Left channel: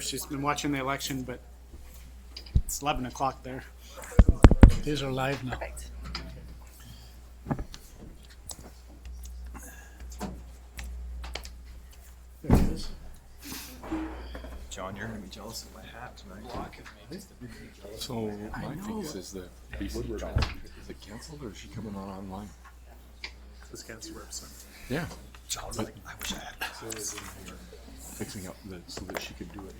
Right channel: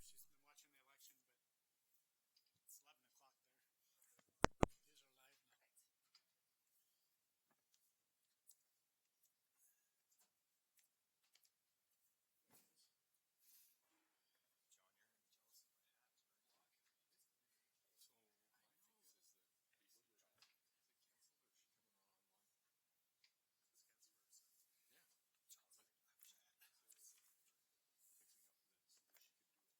She's been watching the election, but it's 11 o'clock there. These are live now. Perfect. There it is. John, you're gonna be jealous of my hat tonight. So my thing is the BC job, is it canceled or is she coming on online? This cancer website. Yeah, John's but like, I wish I had. fixing up so that she could do it.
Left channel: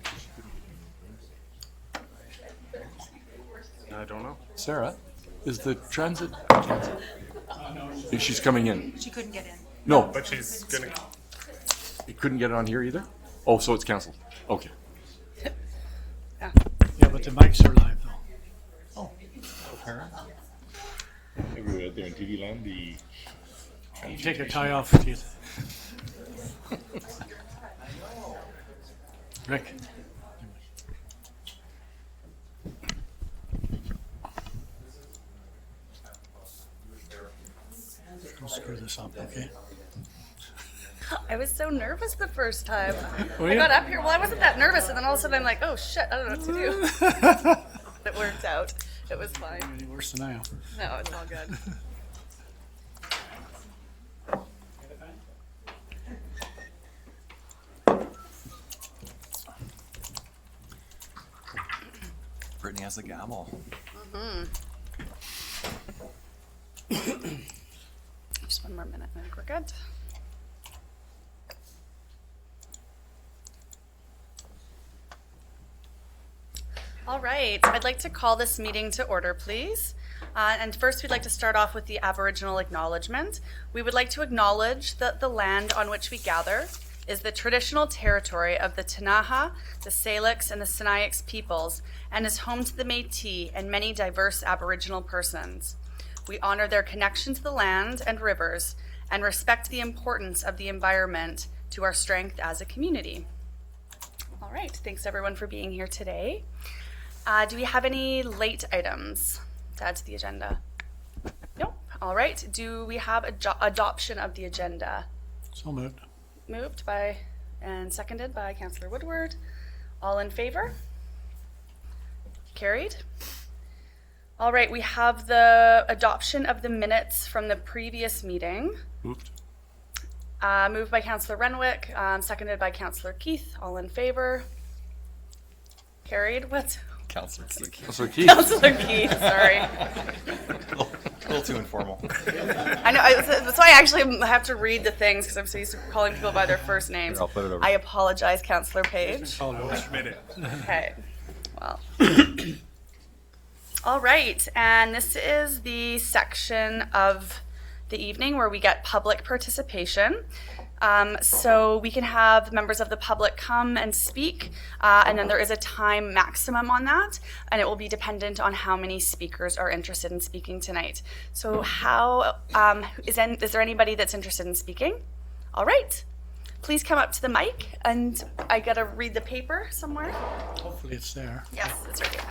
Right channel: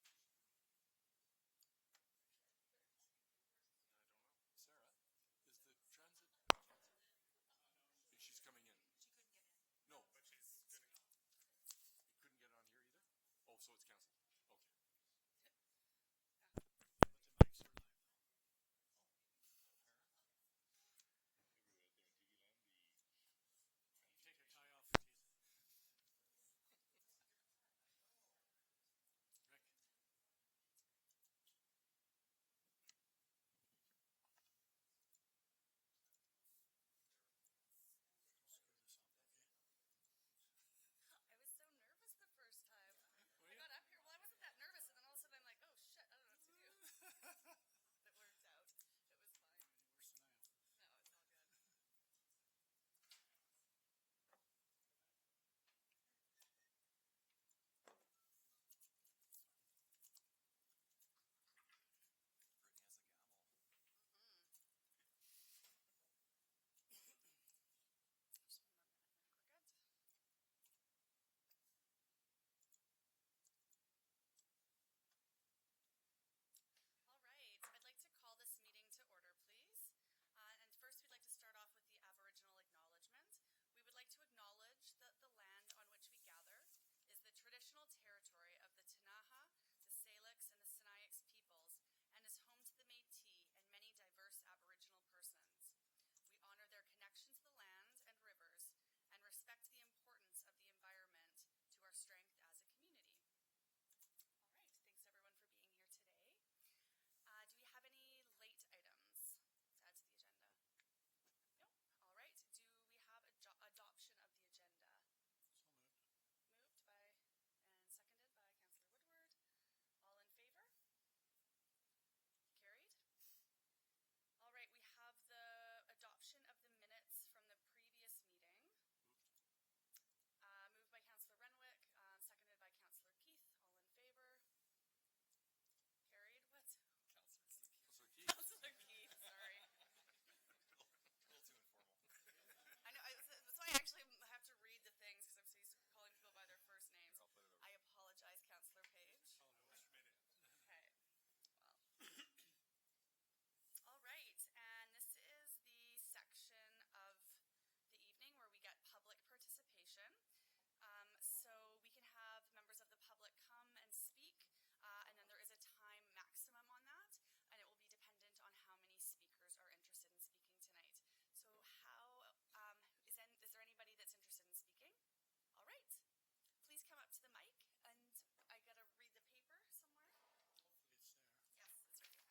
I don't know. Sarah, is the transit canceled? She's coming in. She couldn't get in. No, But she's gonna. you couldn't get it on here either? Oh, so it's canceled. Okay. Yeah. Yeah, but the mics are live though. Oh, apparently. We were out there in TV land, You take your tie off, Keith. Rick. Don't screw this up, okay? I was so nervous the first time. Were I you? got up here. Well, I wasn't that nervous, and then all of a sudden I'm like, oh shit, I don't know what to do. It worked out. It was fine. Any worse than I am. No, it's all good. Brittany has the gavel. Just one more minute, and I think we're good. All right, I'd like to call this meeting to order, please. And first, we'd like to start off with the Aboriginal Acknowledgement. We would like to acknowledge that the land on which we gather is the traditional territory of the Ktunaxa, the Salix, and the Sinixt peoples, and is home to the Métis and many diverse Aboriginal persons. We honor their connection to the land and rivers and respect the importance of the environment to our strength as a community. All right, thanks everyone for being here today. Do we have any late items to add to the agenda? Nope. All right, do we have adoption of the agenda? So moved. Moved by and seconded by Councillor Woodward. All in favor? Carried. All right, we have the adoption of the minutes from the previous meeting. Moved. Moved by Councillor Renwick, seconded by Councillor Keith. All in favor? Carried. What? Counselor Keith. So Keith, Councillor Keith, sorry. A little too informal. I know, that's why I actually have to read the things because I'm so used to calling people by their first names. Here, I'll put it over. I apologize, Councillor Page. Minute. Okay, well. All right, and this is the section of the evening where we get public participation. So we can have members of the public come and speak, and then there is a time maximum on that, and it will be dependent on how many speakers are interested in speaking tonight. So is there anybody that's interested in speaking? All right, please come up to the mic, and I gotta read the paper somewhere. Hopefully it's there. Yes, it's right here.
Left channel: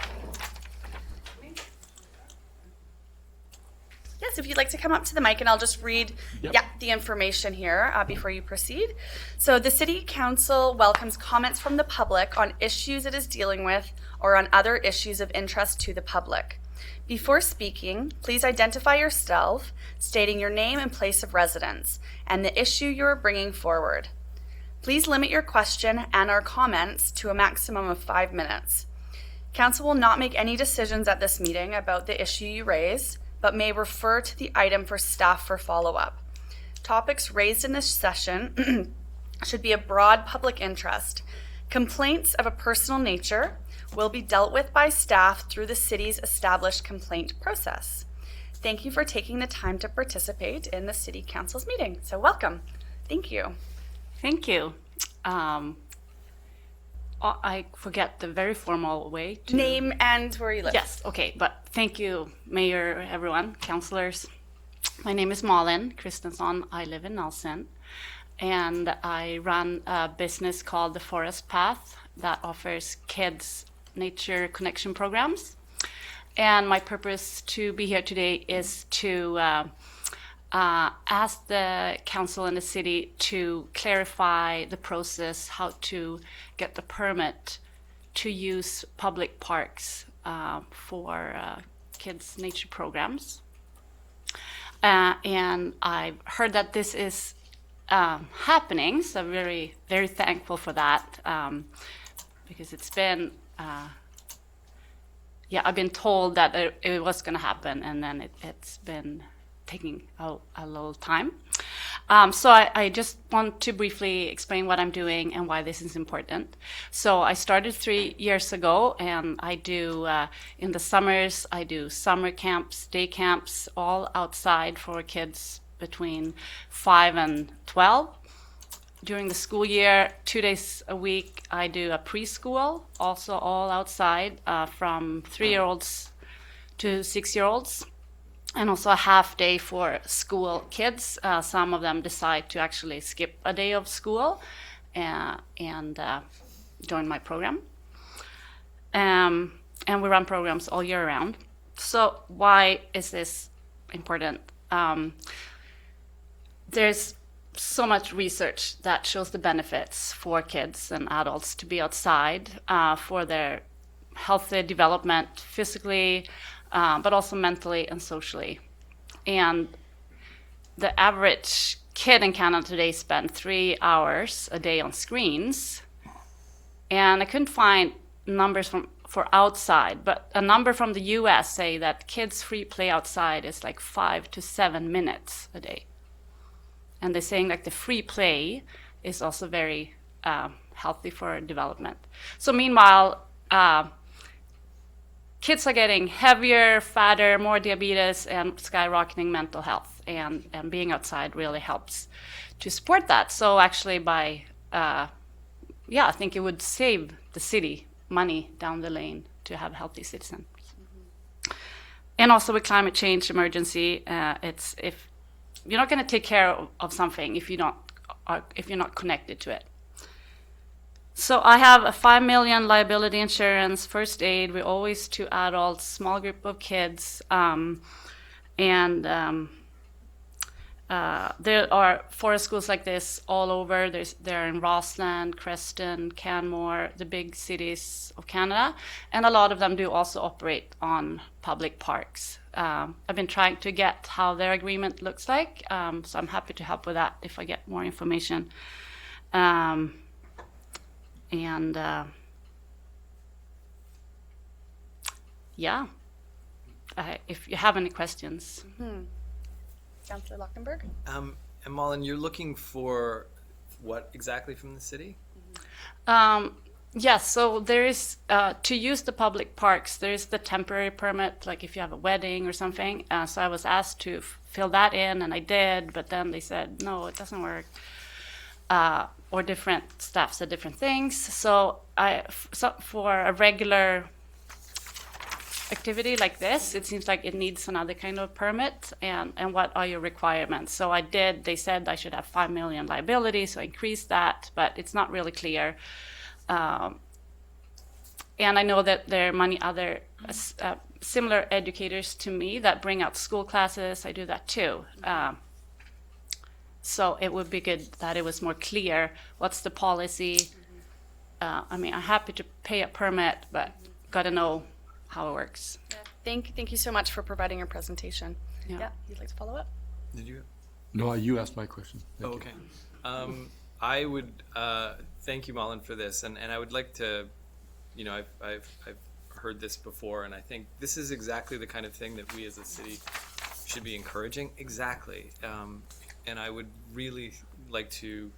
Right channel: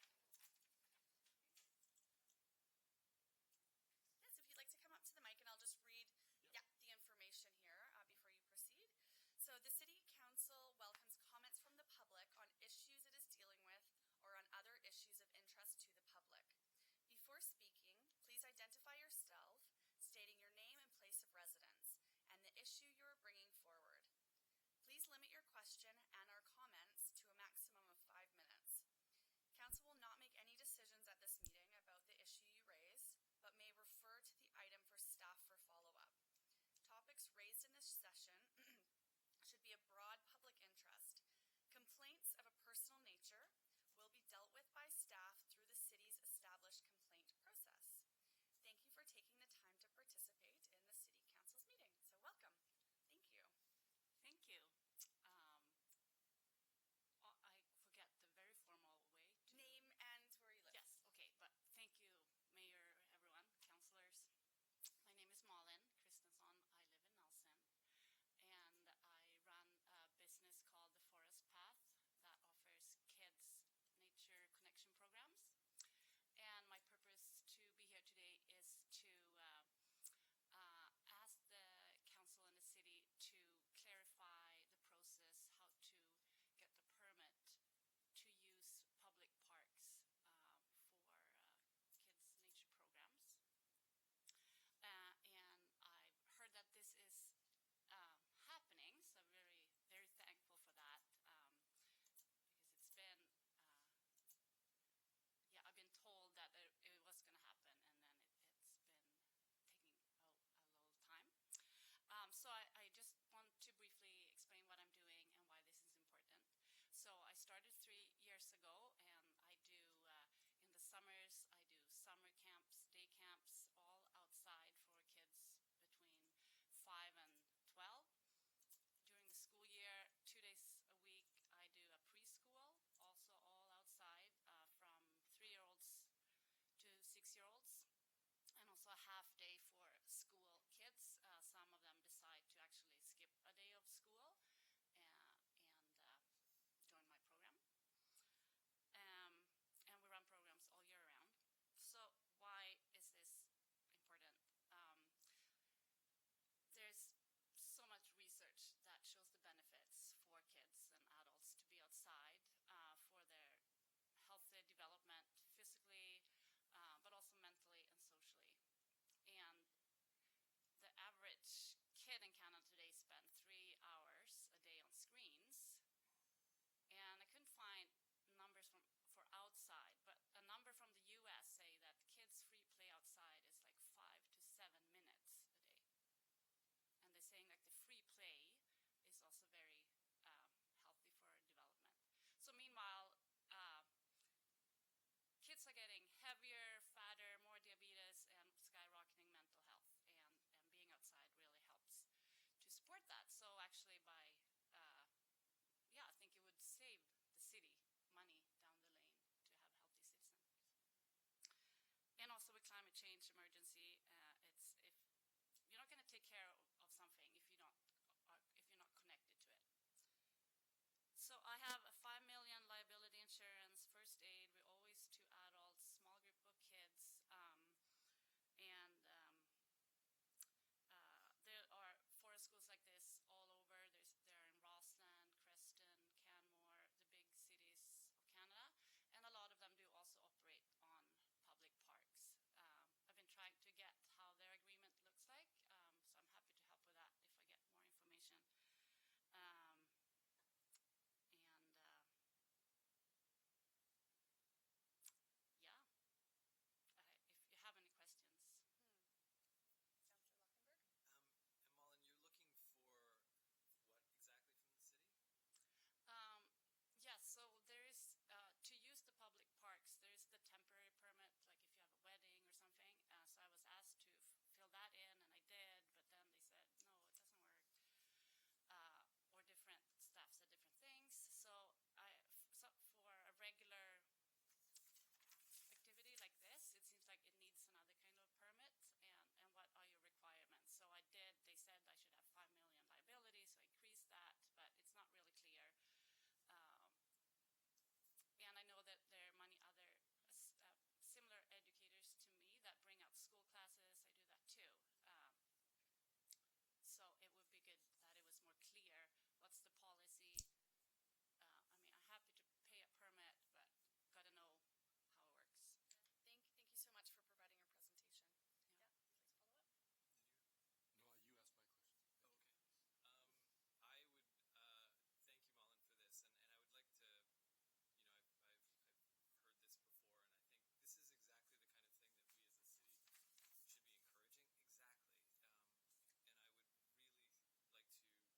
Yes, if you'd like to come up to the mic, and I'll just read the information here before you proceed. So the City Council welcomes comments from the public on issues it is dealing with or on other issues of interest to the public. Before speaking, please identify yourself, stating your name and place of residence, and the issue you are bringing forward. Please limit your question and our comments to a maximum of 5 minutes. Council will not make any decisions at this meeting about the issue you raise, but may refer to the item for staff for follow-up. Topics raised in this session should be of broad public interest. Complaints of a personal nature will be dealt with by staff through the city's established complaint process. Thank you for taking the time to participate in the City Council's meeting. So welcome. Thank you. Thank you. I forget the very formal way to... Name and where you live. Yes, okay, but thank you, Mayor, everyone, councillors. My name is Malin Christensen. I live in Nelson, and I run a business called The Forest Path that offers kids nature connection programs. And my purpose to be here today is to asked the council and the city to clarify the process, how to get the permit to use public parks for kids' nature programs. And I've heard that this is happening, so I'm very, very thankful for that, because it's been, I've been told that it was going to happen, and then it's been taking a little time. So I just want to briefly explain what I'm doing and why this is important. So I started 3 years ago, and I do, in the summers, I do summer camps, day camps, all outside for kids between 5 and 12. During the school year, 2 days a week, I do a preschool, also all outside, from 3-year-olds to 6-year-olds. And also a half day for school kids. Some of them decide to actually skip a day of school and join my program. And we run programs all year round. So why is this important? There's so much research that shows the benefits for kids and adults to be outside for their healthy development physically, but also mentally and socially. And the average kid in Canada today spends 3 hours a day on screens. And I couldn't find numbers for outside, but a number from the US say that kids' free play outside is like 5 to 7 minutes a day. And they're saying like the free play is also very healthy for development. So meanwhile, kids are getting heavier, fatter, more diabetes, and skyrocketing mental health. And being outside really helps to support that. So actually I think it would save the city money down the lane to have healthy citizens. Mm-hmm. And also with climate change emergency, if you're not going to take care of something if you're not connected to it. So I have a $5 million liability insurance, first aid. We're always 2 adults, small group of kids, there are forest schools like this all over. They're in Rossland, Creston, Canmore, the big cities of Canada, and a lot of them do also operate on public parks. I've been trying to get how their agreement looks like, so I'm happy to help with that if I get more information. If you have any questions. Mm-hmm. Councillor Lockenberg? And Malin, you're looking for what exactly from the city? Yes, so there is, to use the public parks, there is the temporary permit, like if you have a wedding or something. So I was asked to fill that in, and I did, but then they said, no, it doesn't work. Or different staff said different things. So for a regular activity like this, it seems like it needs another kind of permit, and what are your requirements? So I did, they said I should have 5 million liability, so I increased that, but it's not really clear. And I know that there are many other similar educators to me that bring out school classes. I do that too. So it would be good that it was more clear what's the policy. I'm happy to pay a permit, but gotta know how it works. Yeah. Thank you so much for providing your presentation. Yeah. You'd like to follow up? Did you? No, you asked my question. Thank you. Okay. I would thank you, Malin, for this, and I would like to, I've heard this before, and I think this is exactly the kind of thing that we as a city should be encouraging. Exactly. And I would really I'd like to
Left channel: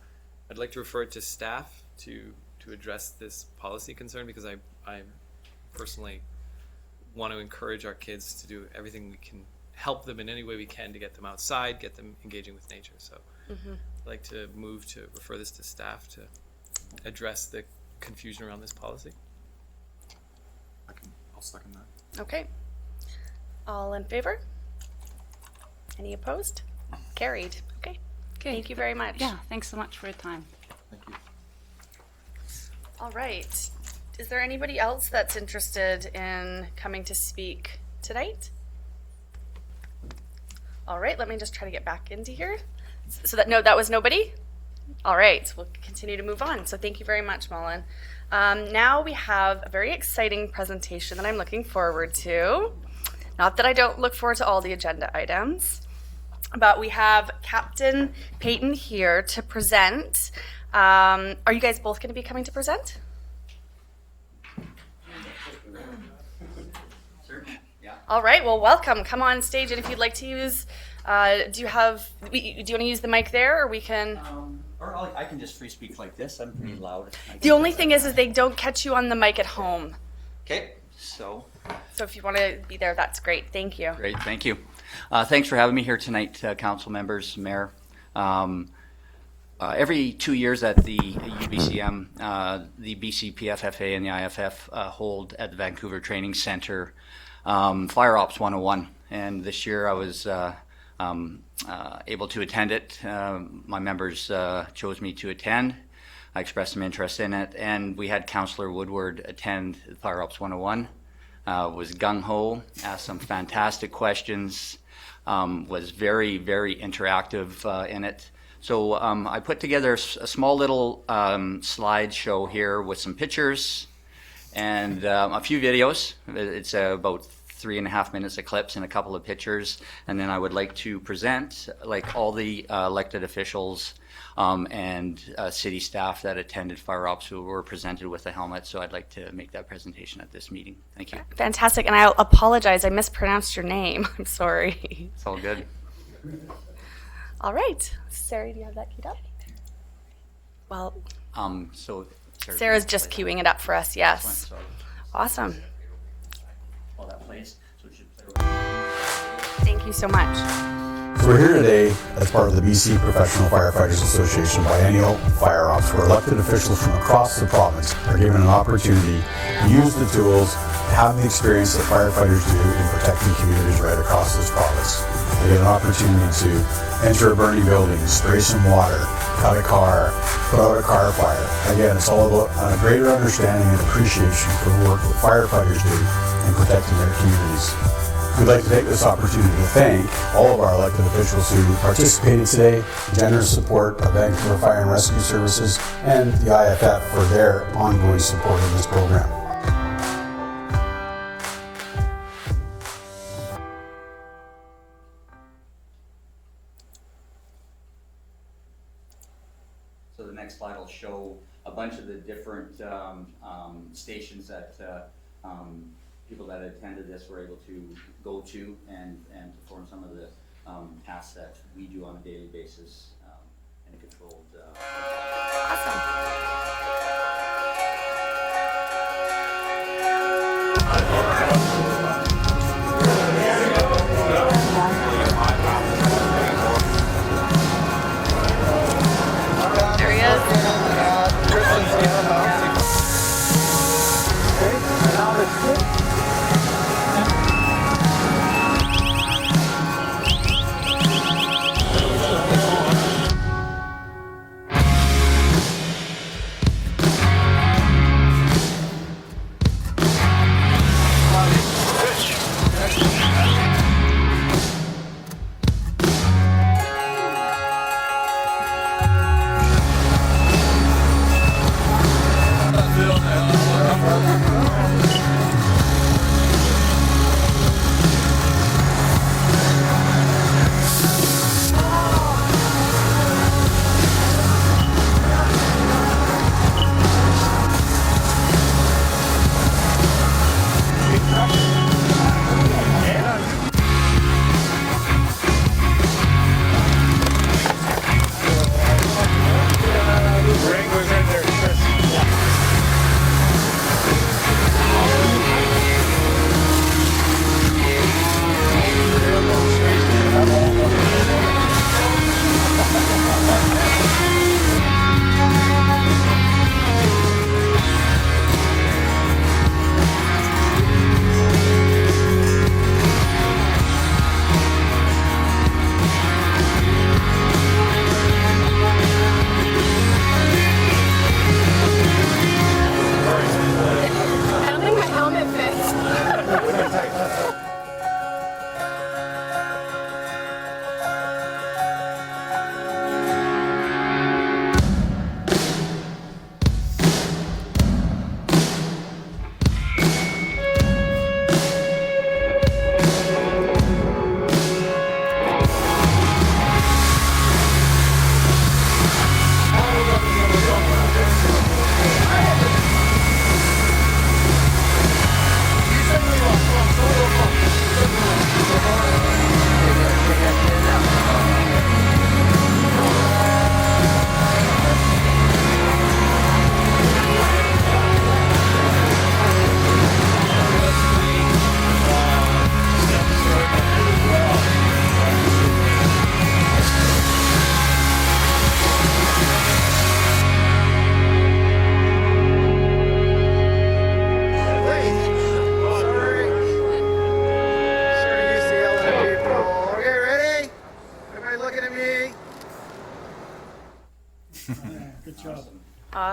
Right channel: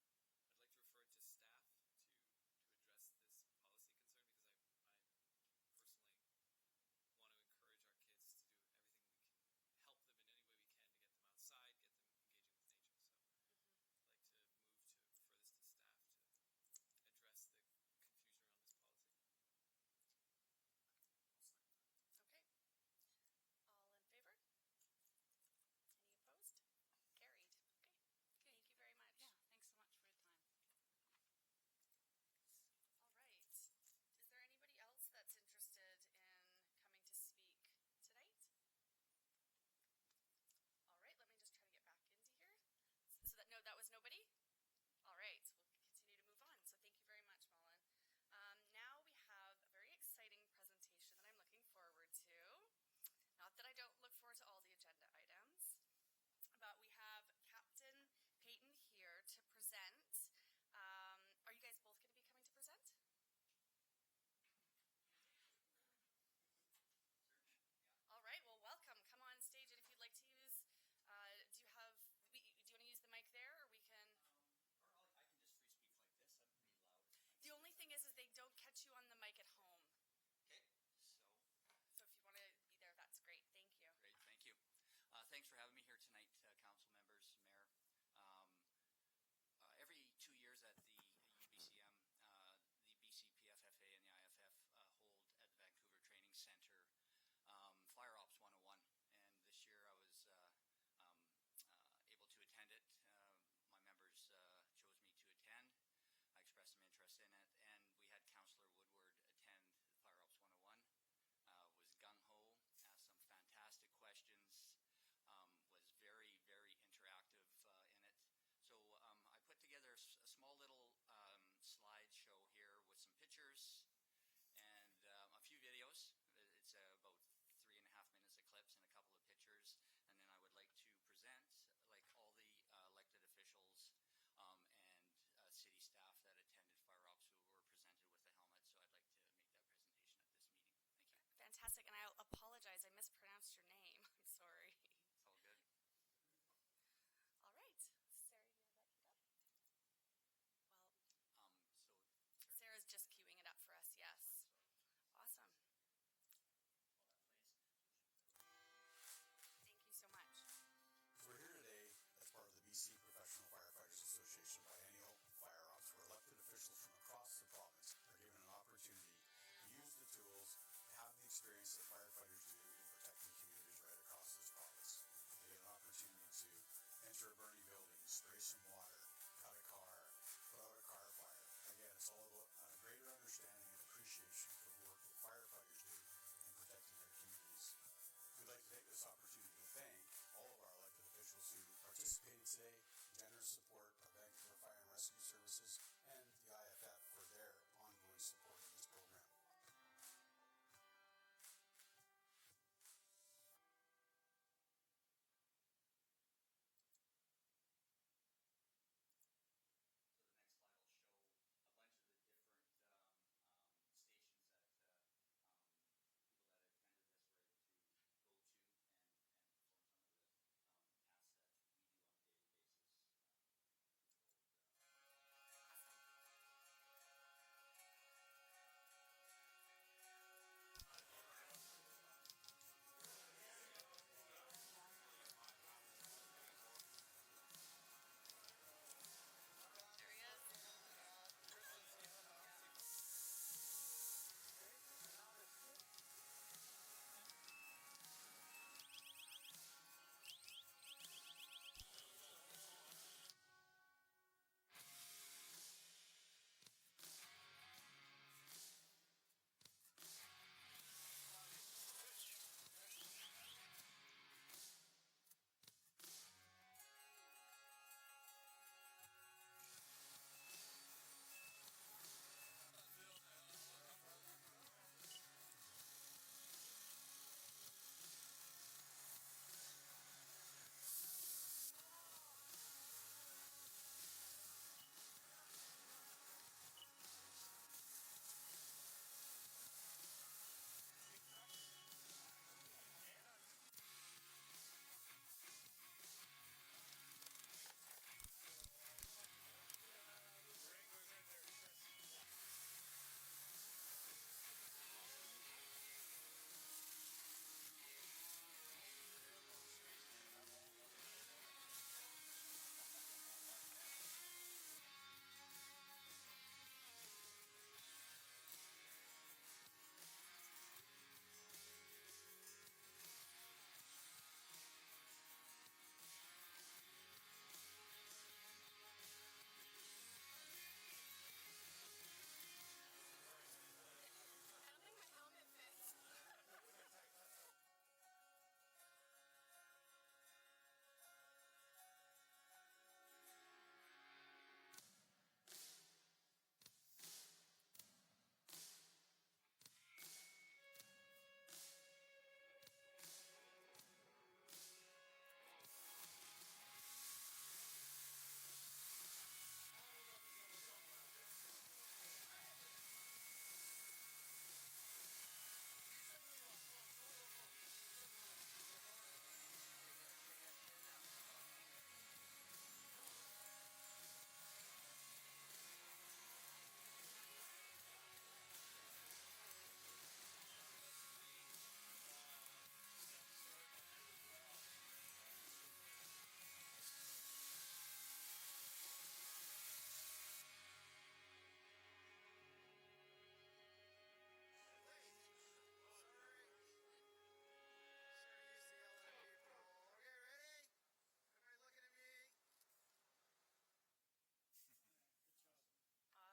refer it to staff to address this policy concern, because I personally want to encourage our kids to do everything we can, help them in any way we can to get them outside, get them engaging with nature. So I'd like to move to refer this to staff to address the confusion around this policy. I'll second that. Okay. All in favor? Any opposed? Carried. Okay. Thank you very much. Yeah, thanks so much for your time. Thank you. All right. Is there anybody else that's interested in coming to speak tonight? All right, let me just try to get back into here. So that was nobody? All right, we'll continue to move on. So thank you very much, Mullen. Now we have a very exciting presentation that I'm looking forward to. Not that I don't look forward to all the agenda items, but we have Captain Peyton here to present. Are you guys both going to be coming to present? All right, well, welcome. Come on stage, and if you'd like to use, do you want to use the mic there, or we can? I can just free speak like this. I'm pretty loud. The only thing is they don't catch you on the mic at home. Okay, so. So if you want to be there, that's great. Thank you. Great, thank you. Thanks for having me here tonight, council members, mayor. Every 2 years at the UBCM, the BCPFFA and the IFF hold at the Vancouver Training Center Fire Ops 101, and this year I was able to attend it. My members chose me to attend. I expressed some interest in it, and we had Councillor Woodward attend Fire Ops 101. Was gung-ho, asked some fantastic questions, was very, very interactive in it. So I put together a small little slideshow here with some pictures and a few videos. It's about 3.5 minutes of clips and a couple of pictures, and then I would like to present like all the elected officials and city staff that attended Fire Ops who were presented with a helmet. So I'd like to make that presentation at this meeting. Thank you. Fantastic, and I apologize, I mispronounced your name. I'm sorry. It's all good. All right, Sarah, do you have that queued up? Well, So Sarah's just queuing it up for us, yes. Sorry. Awesome. While that plays, so it should play. Thank you so much. So we're here today as part of the BC Professional Firefighters Association Biennial Fire Ops, where elected officials from across the province are given an opportunity to use the tools, to have the experience that firefighters do in protecting communities right across this province. They get an opportunity to enter a burning building, spray some water, cut a car, put out a car fire. Again, it's all about a greater understanding and appreciation for the work that firefighters do in protecting their communities. We'd like to take this opportunity to thank all of our elected officials who participated today, generous support of Vancouver Fire and Rescue Services, and the IFF for their ongoing support of this program. So the next slide will show a bunch of the different stations that people that attended this were able to go to and perform some of the tasks that we do on a daily basis in a controlled. There he is.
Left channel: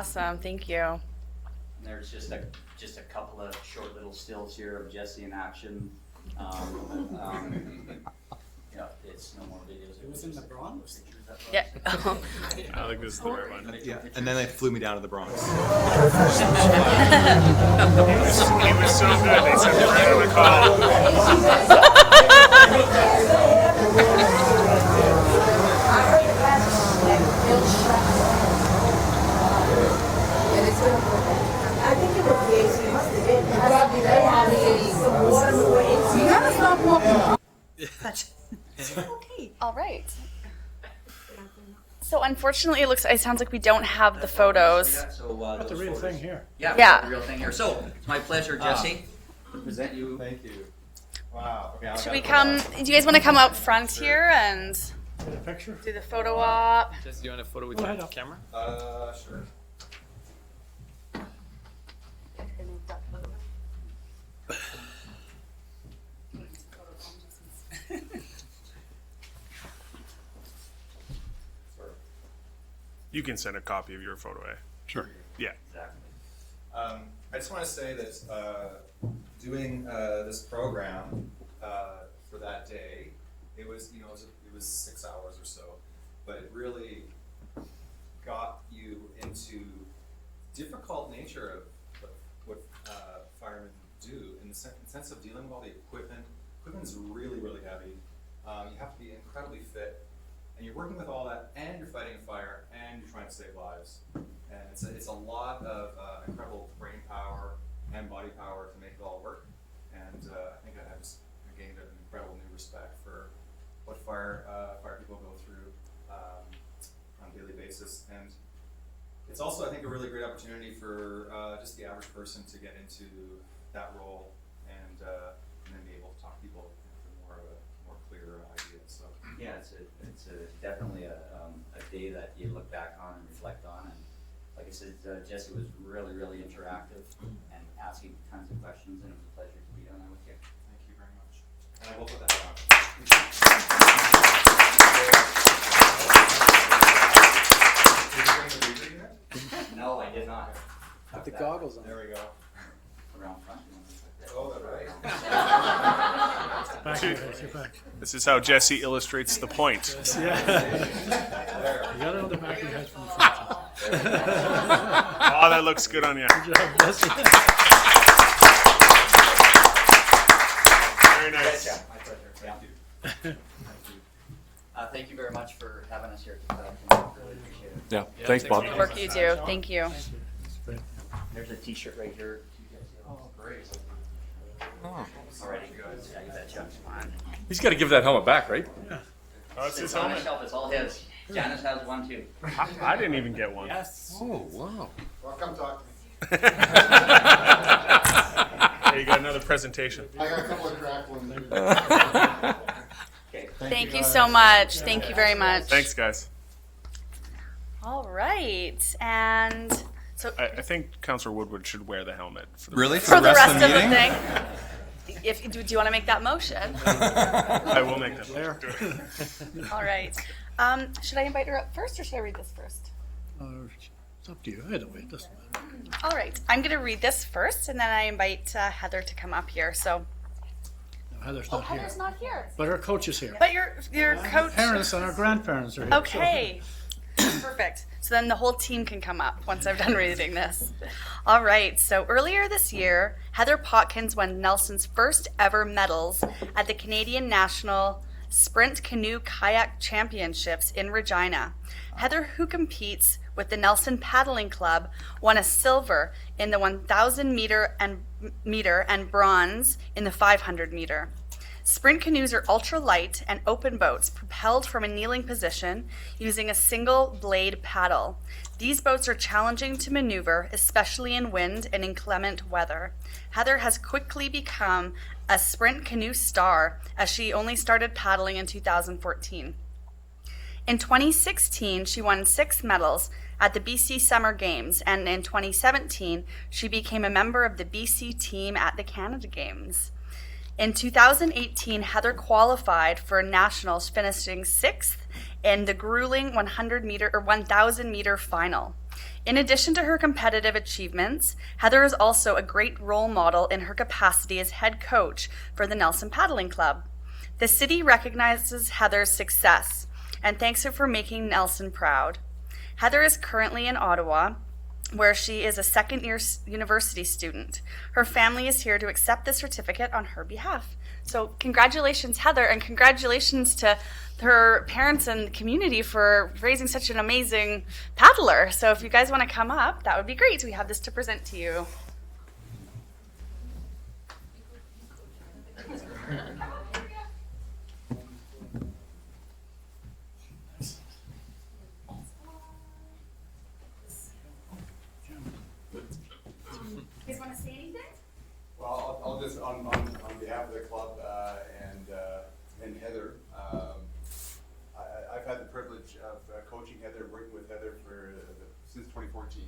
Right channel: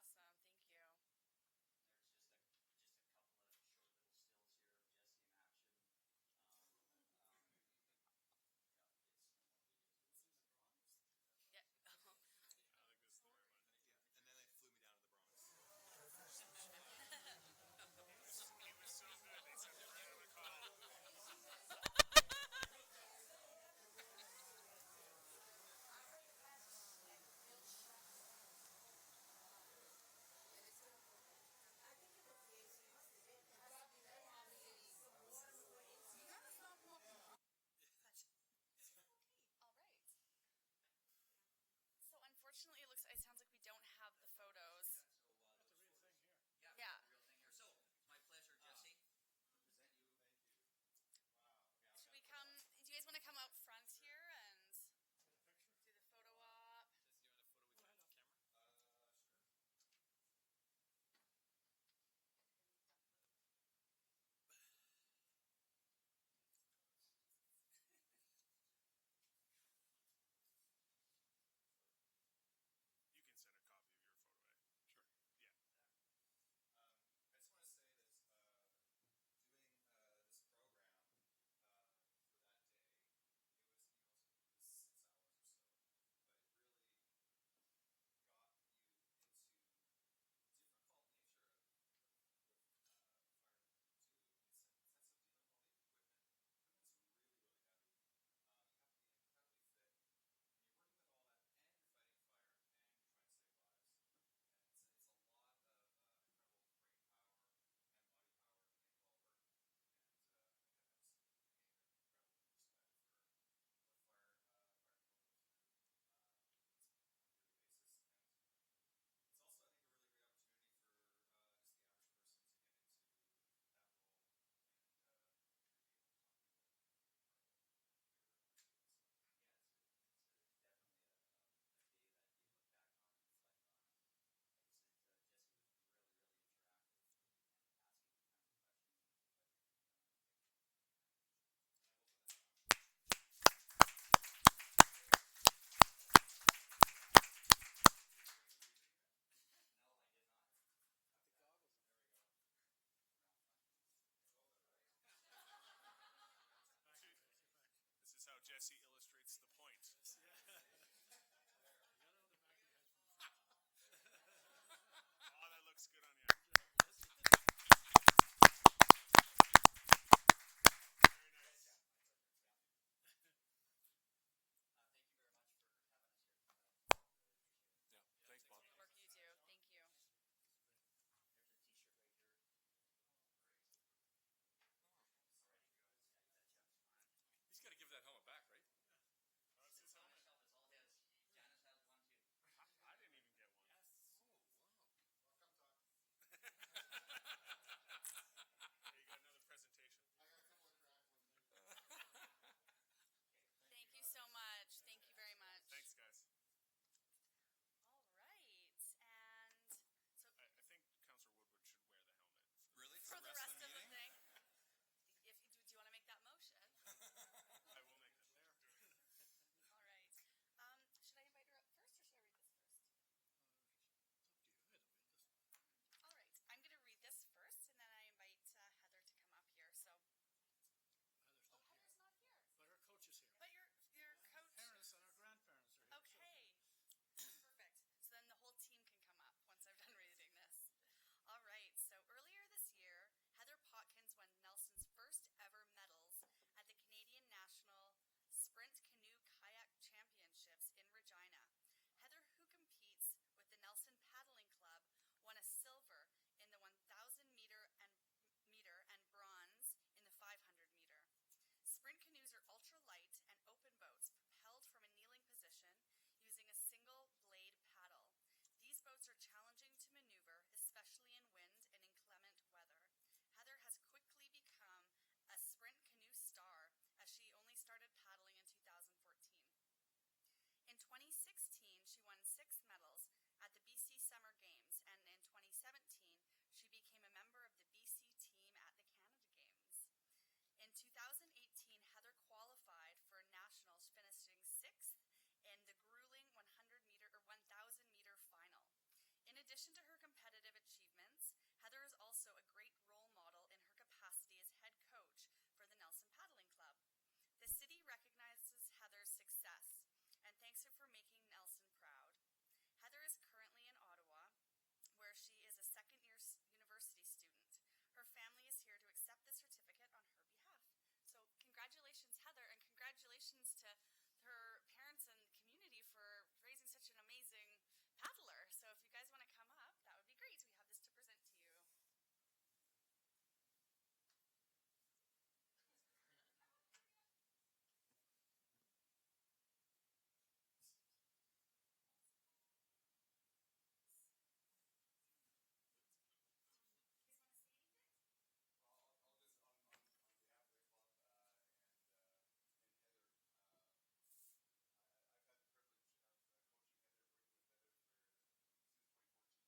Awesome. Thank you. And there's just a couple of short little stills here of Jesse in action. It's no more videos. It was in the Bronx. Yeah. I think this is the right one. Yeah, and then they flew me down to the Bronx. He was so good. They sent him right on the call. All right. So unfortunately, it sounds like we don't have the photos. That's The real thing here. Yeah, Yeah. the real thing here. So it's my pleasure, Jesse, to present you. Thank you. Wow. Okay, Should we come? Do you guys want to come out front here and Get a picture? do the photo op? Jesse, do you want a photo with Go your ahead. camera? Sure. You can send a copy of your photo, eh? Sure. Yeah. Exactly. I just want to say that doing this program for that day, it was 6 hours or so, but it really got you into difficult nature of what firemen do in the sense of dealing with all the equipment. Equipment is really, really heavy. You have to be incredibly fit, and you're working with all that, and you're fighting a fire, and you're trying to save lives. And it's a lot of incredible brain power and body power to make it all work. And I think I just gained an incredible new respect for what fire people go through on a daily basis. And it's also, I think, a really great opportunity for just the average person to get into that role and then be able to talk to people with more of a more clear idea. So Yeah, it's definitely a day that you look back on and reflect on. And like I said, Jesse was really, really interactive and asking tons of questions, and it was a pleasure to be on there with you. thank you very much. And I will put that on. Did you bring the reader yet? No, I did not. Put the goggles on. There we go. Around front. You want to put that? Oh, that's right. Back here, get back. This is how Jesse illustrates the point. Yeah. You got it on the back of your head from the front. Oh, that looks good on you. Good job, Jesse. Very nice. My pleasure. Thank you. Thank you very much for having us here. Really appreciate it. Yeah. Thanks, Bob. The work you do. Thank you. There's a T-shirt right here. Oh, great. Already good. Yeah, you betcha. Come on. He's got to give that helmet back, right? Oh, it's his It's on the helmet. shelf. It's all his. Janice has one too. I didn't even get one. Oh, wow. Well, come talk to me. There you got another presentation. I got a couple of cracked ones. Okay. Thank you so much. Thank you very much. Thanks, guys. All right, and so I think Councillor Woodward should wear the helmet. For the Really? for the rest of the thing, do you want to make that motion? I will make that There. All right. Should I invite her up first, or should I read this first? It's up to you. Either way, it doesn't matter. All right. I'm going to read this first, and then I invite Heather to come up here. So, No, Heather's not here. Heather's not here. But her coach is here. But your coach. Parents and our grandparents are here. Okay. Perfect. So then the whole team can come up once I've done reading this. All right. So earlier this year, Heather Potkins won Nelson's first ever medals at the Canadian National Sprint Canoe Kayak Championships in Regina. Heather, who competes with the Nelson Paddling Club, won a silver in the 1,000 meter and bronze in the 500 meter. Sprint canoes are ultra-light and open boats propelled from a kneeling position using a single blade paddle. These boats are challenging to maneuver, especially in wind and inclement weather. Heather has quickly become a sprint canoe star as she only started paddling in 2014. In 2016, she won 6 medals at the BC Summer Games, and in 2017, she became a member of the BC team at the Canada Games. In 2018, Heather qualified for nationals, finishing 6th in the grueling 1,000 meter final. In addition to her competitive achievements, Heather is also a great role model in her capacity as head coach for the Nelson Paddling Club. The city recognizes Heather's success and thanks her for making Nelson proud. Heather is currently in Ottawa, where she is a second-year university student. Her family is here to accept the certificate on her behalf. So congratulations, Heather, and congratulations to her parents and community for raising such an amazing paddler. So if you guys want to come up, that would be great. We have this to present to you. You guys want to say anything? Well, I'll just, on behalf of the club and Heather, I've had the privilege of coaching Heather, working with Heather since 2014,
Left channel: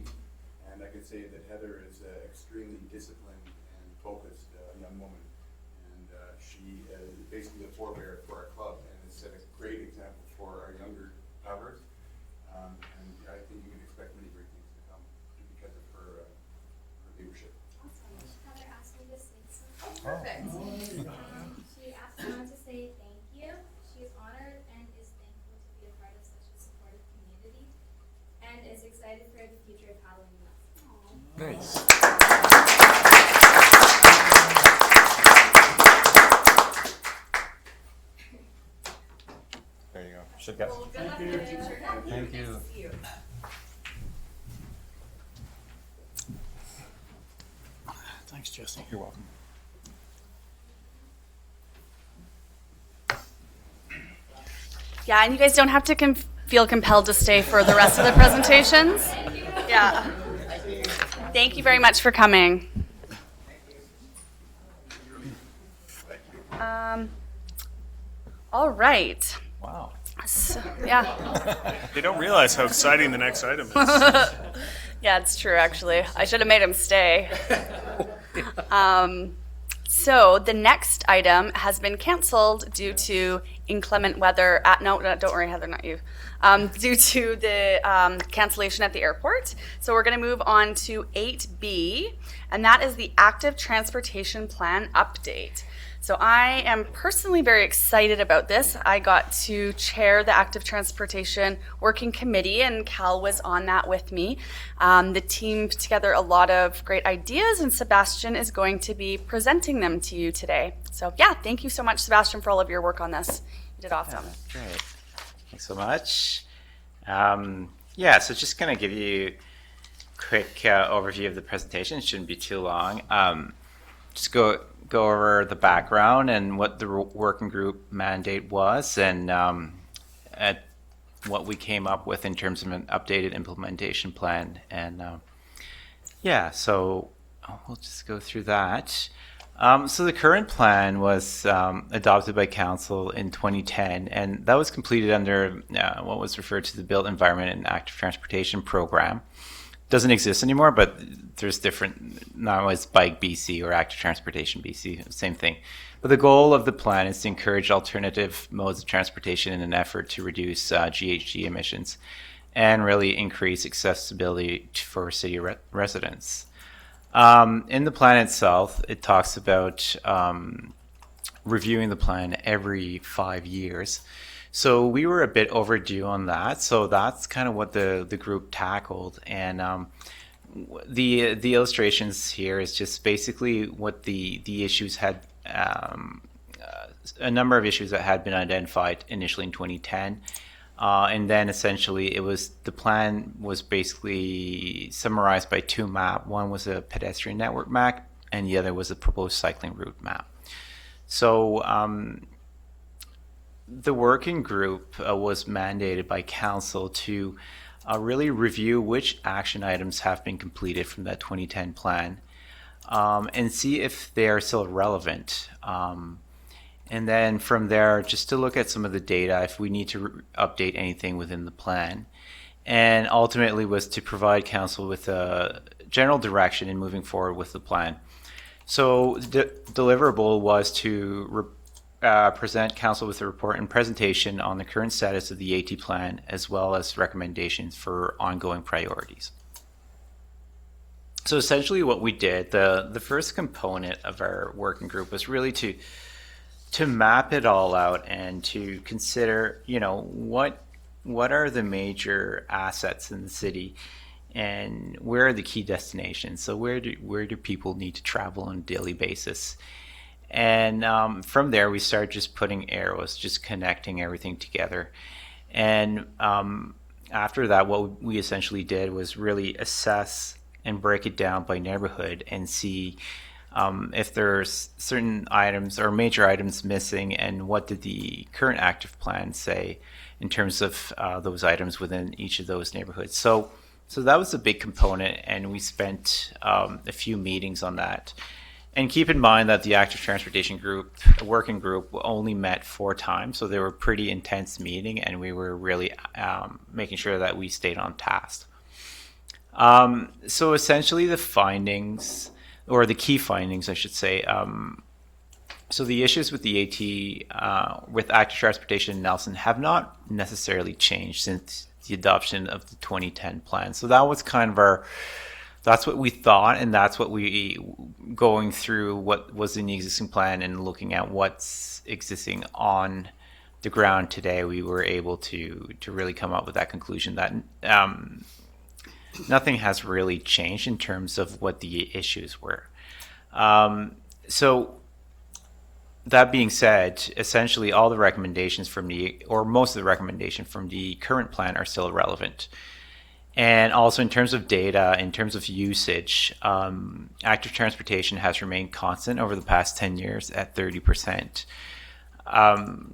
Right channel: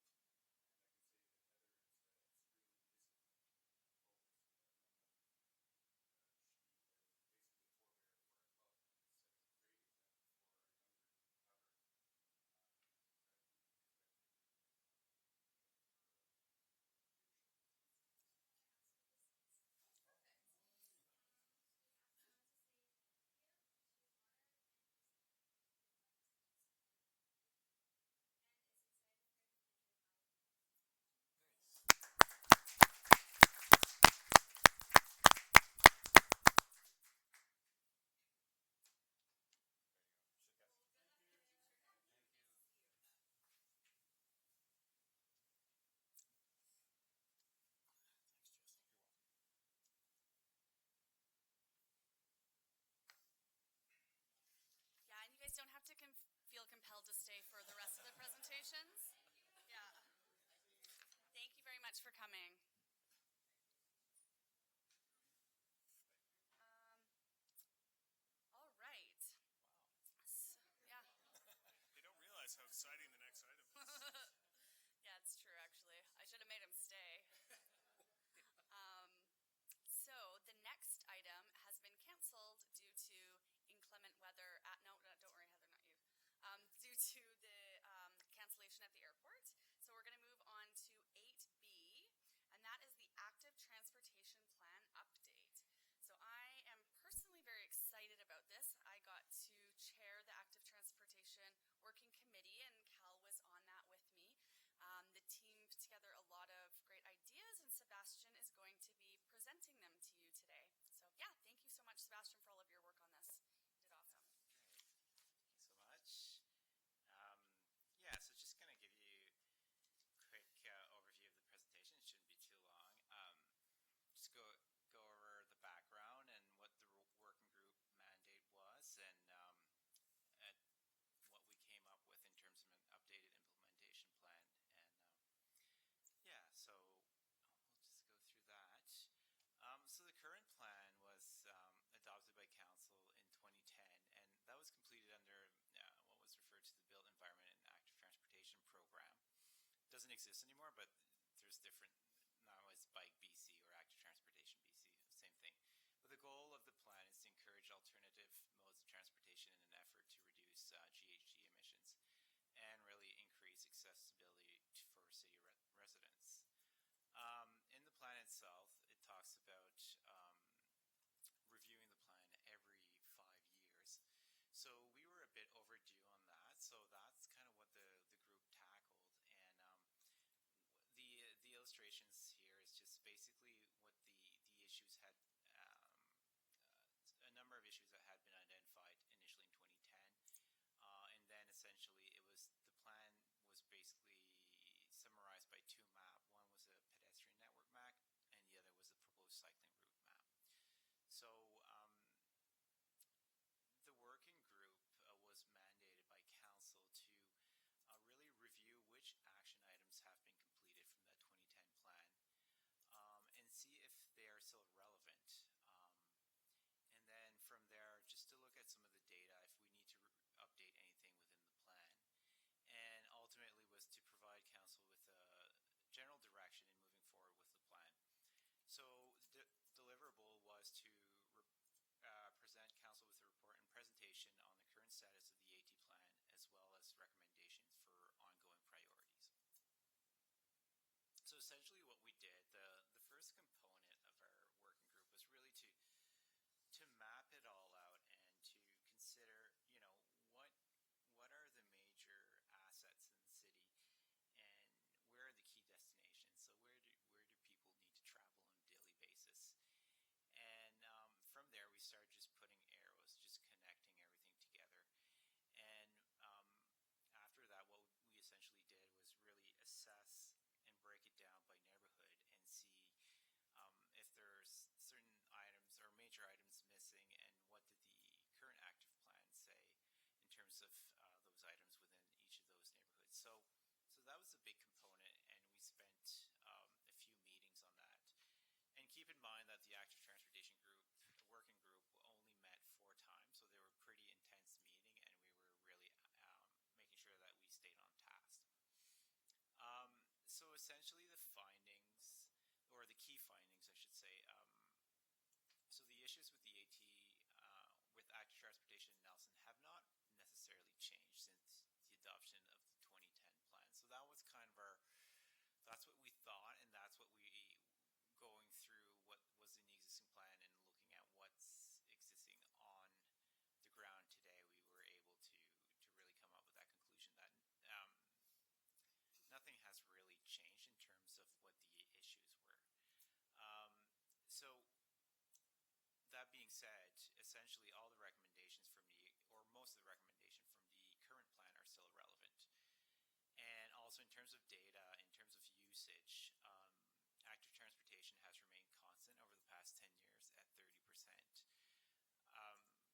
and I can say that Heather is extremely disciplined and focused young woman, and she is basically a forebear for our club, and has set a great example for our younger paddlers, and I think you can expect many great things to come because of her leadership. Heather asked me to say something. Perfect. She asked me to say thank you. She's honored and is thankful to be a part of such a supportive community and is excited for the future of paddling with us. Nice. There you go. Should get. Well, good luck in the future. Thank you. Nice to see you. Thanks, Jesse. You're welcome. Yeah, and you guys don't have to feel compelled to stay for the rest of the presentations. Yeah. Thank you very much for coming. All right. Wow. So, yeah. They don't realize how exciting the next item is. Yeah, it's true, actually. I should have made him stay. So the next item has been canceled due to inclement weather. No, don't worry, Heather, not you. Due to the cancellation at the airport. So we're going to move on to 8B, and that is the Active Transportation Plan update. So I am personally very excited about this. I got to chair the Active Transportation Working Committee, and Cal was on that with me. The team put together a lot of great ideas, and Sebastian is going to be presenting them to you today. So yeah, thank you so much, Sebastian, for all of your work on this. You did awesome. Great. Thanks so much. So just going to give you a quick overview of the presentation. It shouldn't be too long. Just go over the background and what the working group mandate was, and at what we came up with in terms of an updated implementation plan. And so we'll just go through that. So the current plan was adopted by Council in 2010, and that was completed under what was referred to the Built Environment and Active Transportation Program. Doesn't exist anymore, but there's different, now it's Bike BC or Active Transportation BC, same thing. But the goal of the plan is to encourage alternative modes of transportation in an effort to reduce GHG emissions and really increase accessibility for city residents. In the plan itself, it talks about reviewing the plan every 5 years. So we were a bit overdue on that. So that's kind of what the group tackled. And the illustrations here is just basically what the issues had, a number of issues that had been identified initially in 2010. And then essentially the plan was basically summarized by two maps. One was a pedestrian network map and the other was a proposed cycling route map. So the working group was mandated by Council to really review which action items have been completed from that 2010 plan and see if they are still relevant. And then from there, just to look at some of the data, if we need to update anything within the plan. And ultimately was to provide Council with a general direction in moving forward with the plan. So the deliverable was to present Council with a report and presentation on the current status of the AT plan, as well as recommendations for ongoing priorities. So essentially what we did, the first component of our working group was really to map it all out and to consider, what are the major assets in the city and where are the key destinations? So where do people need to travel on a daily basis? And from there, we started just putting arrows, just connecting everything together. And after that, what we essentially did was really assess and break it down by neighborhood and see if there's certain items or major items missing, and what did the current active plan say in terms of those items within each of those neighborhoods. So that was a big component, and we spent a few meetings on that. And keep in mind that the active transportation group, working group, only met 4 times, so they were pretty intense meeting, and we were really making sure that we stayed on task. So essentially the findings, or the key findings, I should say, so the issues with the AT, with active transportation in Nelson have not necessarily changed since the adoption of the 2010 plan. So that was kind of that's what we thought, and that's what we, going through what was in the existing plan and looking at what's existing on the ground today, we were able to really come up with that conclusion that nothing has really changed in terms of what the issues were. So that being said, essentially all the recommendations or most of the recommendations from the current plan are still relevant. And also in terms of data, in terms of usage, active transportation has remained constant over the past 10 years at 30%.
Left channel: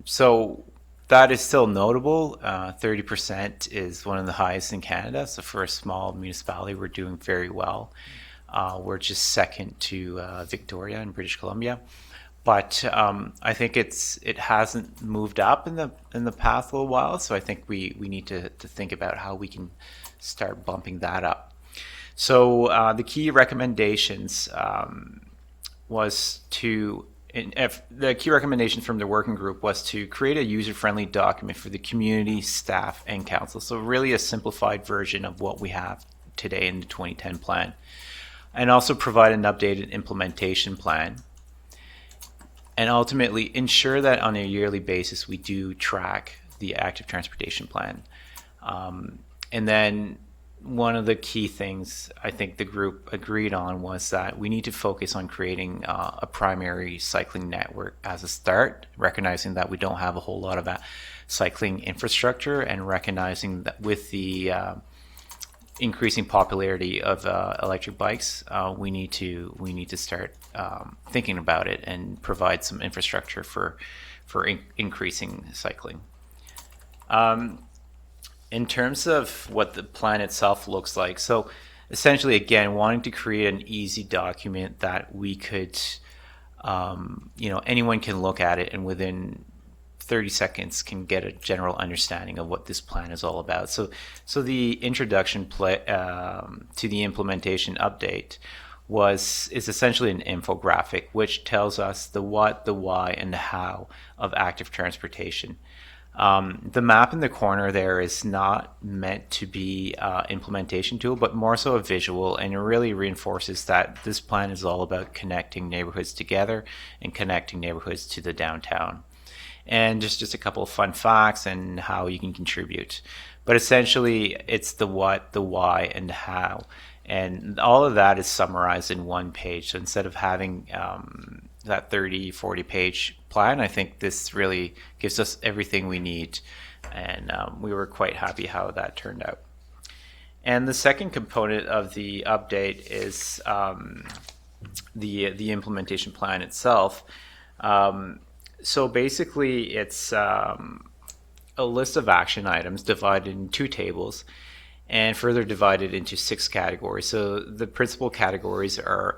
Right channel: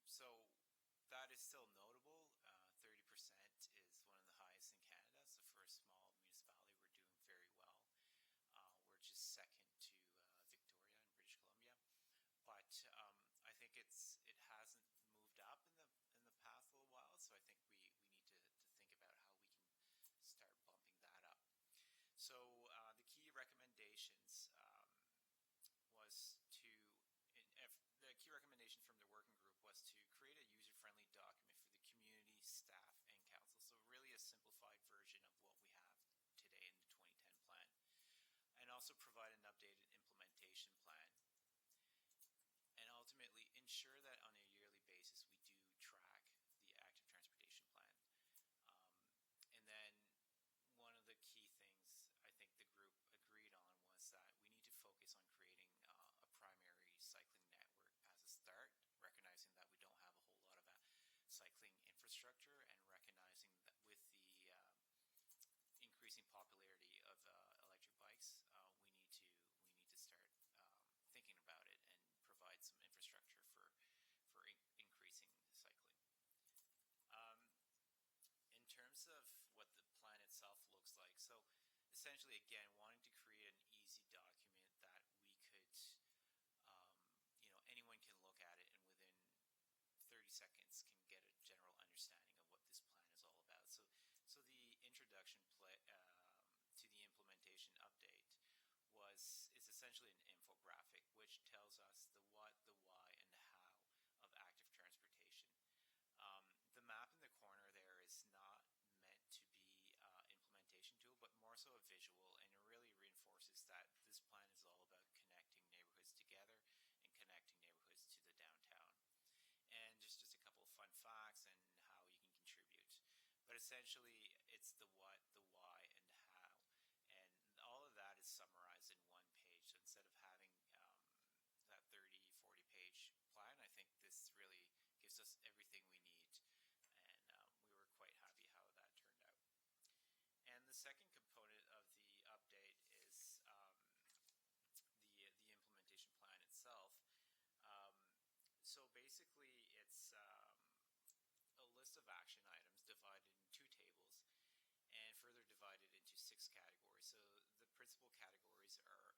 So that is still notable. 30% is one of the highest in Canada. So for a small municipality, we're doing very well. We're just second to Victoria in British Columbia. But I think it hasn't moved up in the past little while. So I think we need to think about how we can start bumping that up. So the key recommendations the key recommendation from the working group was to create a user-friendly document for the community, staff, and council. So really a simplified version of what we have today in the 2010 plan. And also provide an updated implementation plan. And ultimately ensure that on a yearly basis we do track the active transportation plan. And then one of the key things I think the group agreed on was that we need to focus on creating a primary cycling network as a start, recognizing that we don't have a whole lot of cycling infrastructure, and recognizing that with the increasing popularity of electric bikes, we need to start thinking about it and provide some infrastructure for increasing cycling. In terms of what the plan itself looks like, so essentially, again, wanting to create an easy document that we could, anyone can look at it and within 30 seconds can get a general understanding of what this plan is all about. So the introduction to the implementation update is essentially an infographic which tells us the what, the why, and the how of active transportation. The map in the corner there is not meant to be an implementation tool, but more so a visual, and it really reinforces that this plan is all about connecting neighborhoods together and connecting neighborhoods to the downtown. And just a couple of fun facts and how you can contribute. But essentially, it's the what, the why, and the how. And all of that is summarized in one page. So instead of having that 30, 40-page plan, I think this really gives us everything we need. And we were quite happy how that turned out. And the second component of the update is the implementation plan itself. So basically, it's a list of action items divided in 2 tables and further divided into 6 categories. So the principal categories are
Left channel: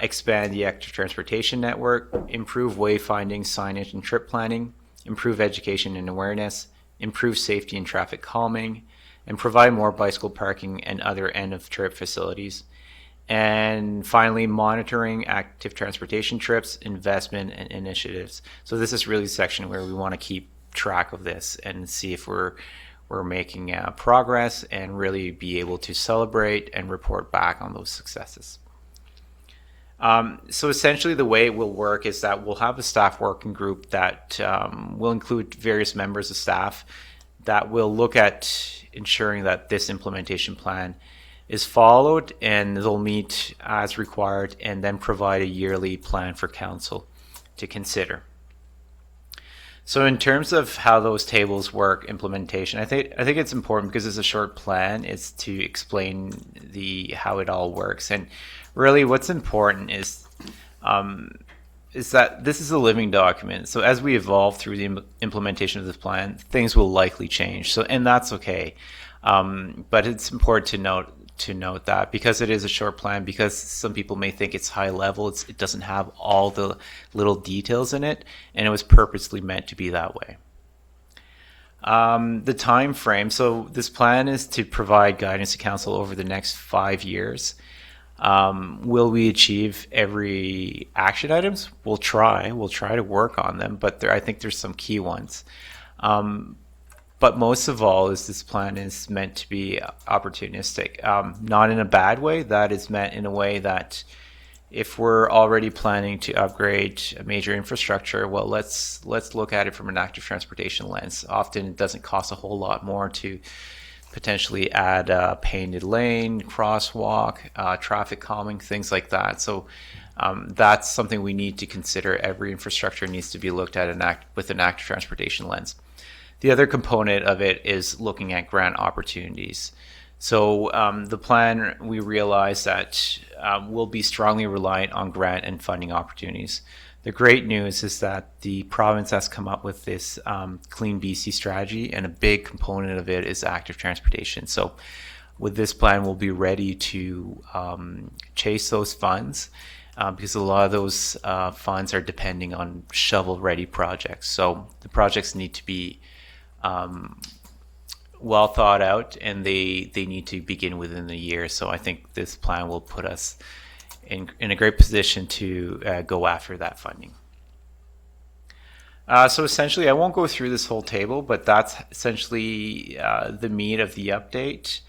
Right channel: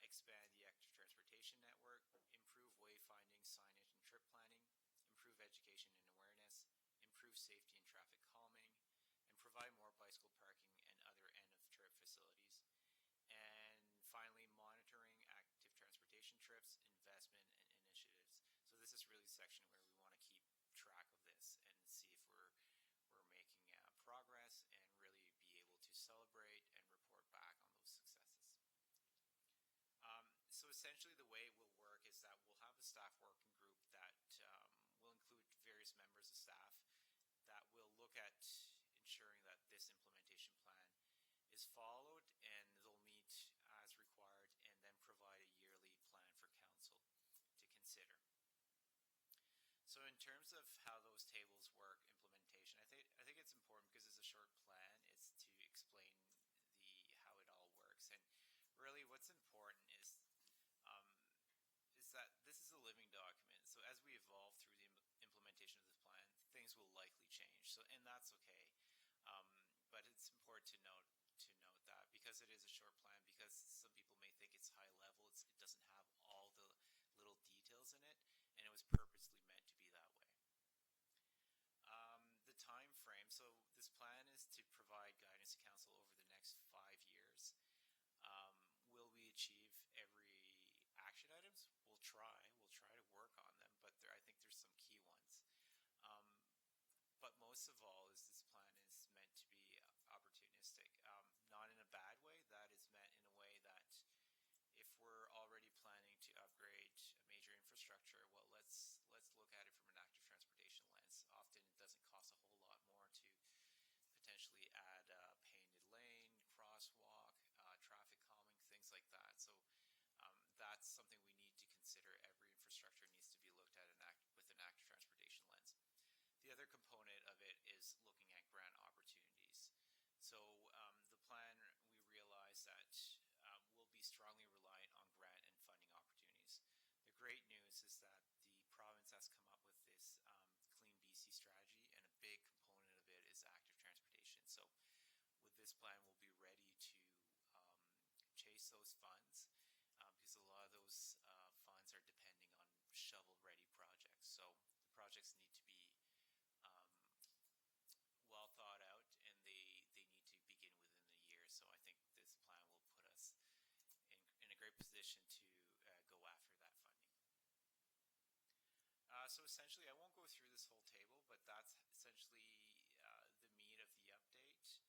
expand the active transportation network, improve wayfinding, signage, and trip planning, improve education and awareness, improve safety and traffic calming, and provide more bicycle parking and other end-of-trip facilities. And finally, monitoring active transportation trips, investment, and initiatives. So this is really the section where we want to keep track of this and see if we're we're making progress and really be able to celebrate and report back on those successes. So essentially the way it will work is that we'll have a staff working group that will include various members of staff that will look at ensuring that this implementation plan is followed, and they'll meet as required and then provide a yearly plan for council to consider. So in terms of how those tables work, implementation, I think it's important because it's a short plan. It's to explain how it all works, and really what's important is that this is a living document. So as we evolve through the implementation of this plan, things will likely change. So, and that's okay. But it's important to note that because it is a short plan, because some people may think it's high level, it doesn't have all the little details in it, and it was purposely meant to be that way. The time frame. So this plan is to provide guidance to council over the next 5 years. Will we achieve every action items? We'll try to work on them, but I think there's some key ones. But most of all, this plan is meant to be opportunistic, not in a bad way. That is meant in a way that if we're already planning to upgrade a major infrastructure, well, let's look at it from an active transportation lens. Often it doesn't cost a whole lot more to potentially add a painted lane, crosswalk, traffic calming, things like that. So that's something we need to consider. Every infrastructure needs to be looked at with an active transportation lens. The other component of it is looking at grant opportunities. So the plan, we realize that will be strongly reliant on grant and funding opportunities. The great news is that the province has come up with this Clean BC strategy, and a big component of it is active transportation. So with this plan, we'll be ready to chase those funds because a lot of those funds are depending on shovel-ready projects. So the projects need to be well thought out, and they need to begin within the year. So I think this plan will put us in a great position to go after that funding. So essentially, I won't go through this whole table, but that's essentially the meat of the update.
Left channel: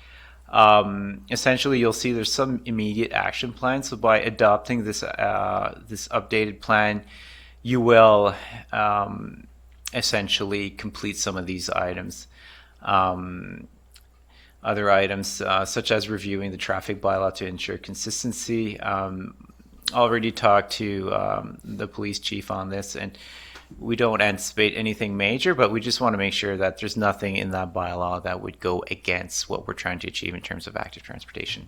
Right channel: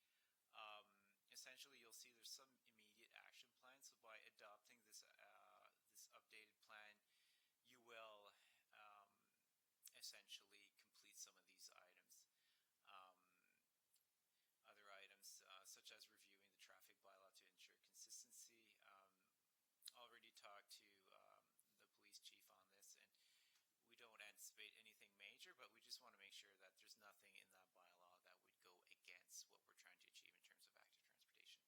Essentially, you'll see there's some immediate action plans. So by adopting this updated plan, you will essentially complete some of these items. Other items such as reviewing the traffic bylaw to ensure consistency. Already talked to the police chief on this, and we don't anticipate anything major, but we just want to make sure that there's nothing in that bylaw that would go against what we're trying to achieve in terms of active transportation.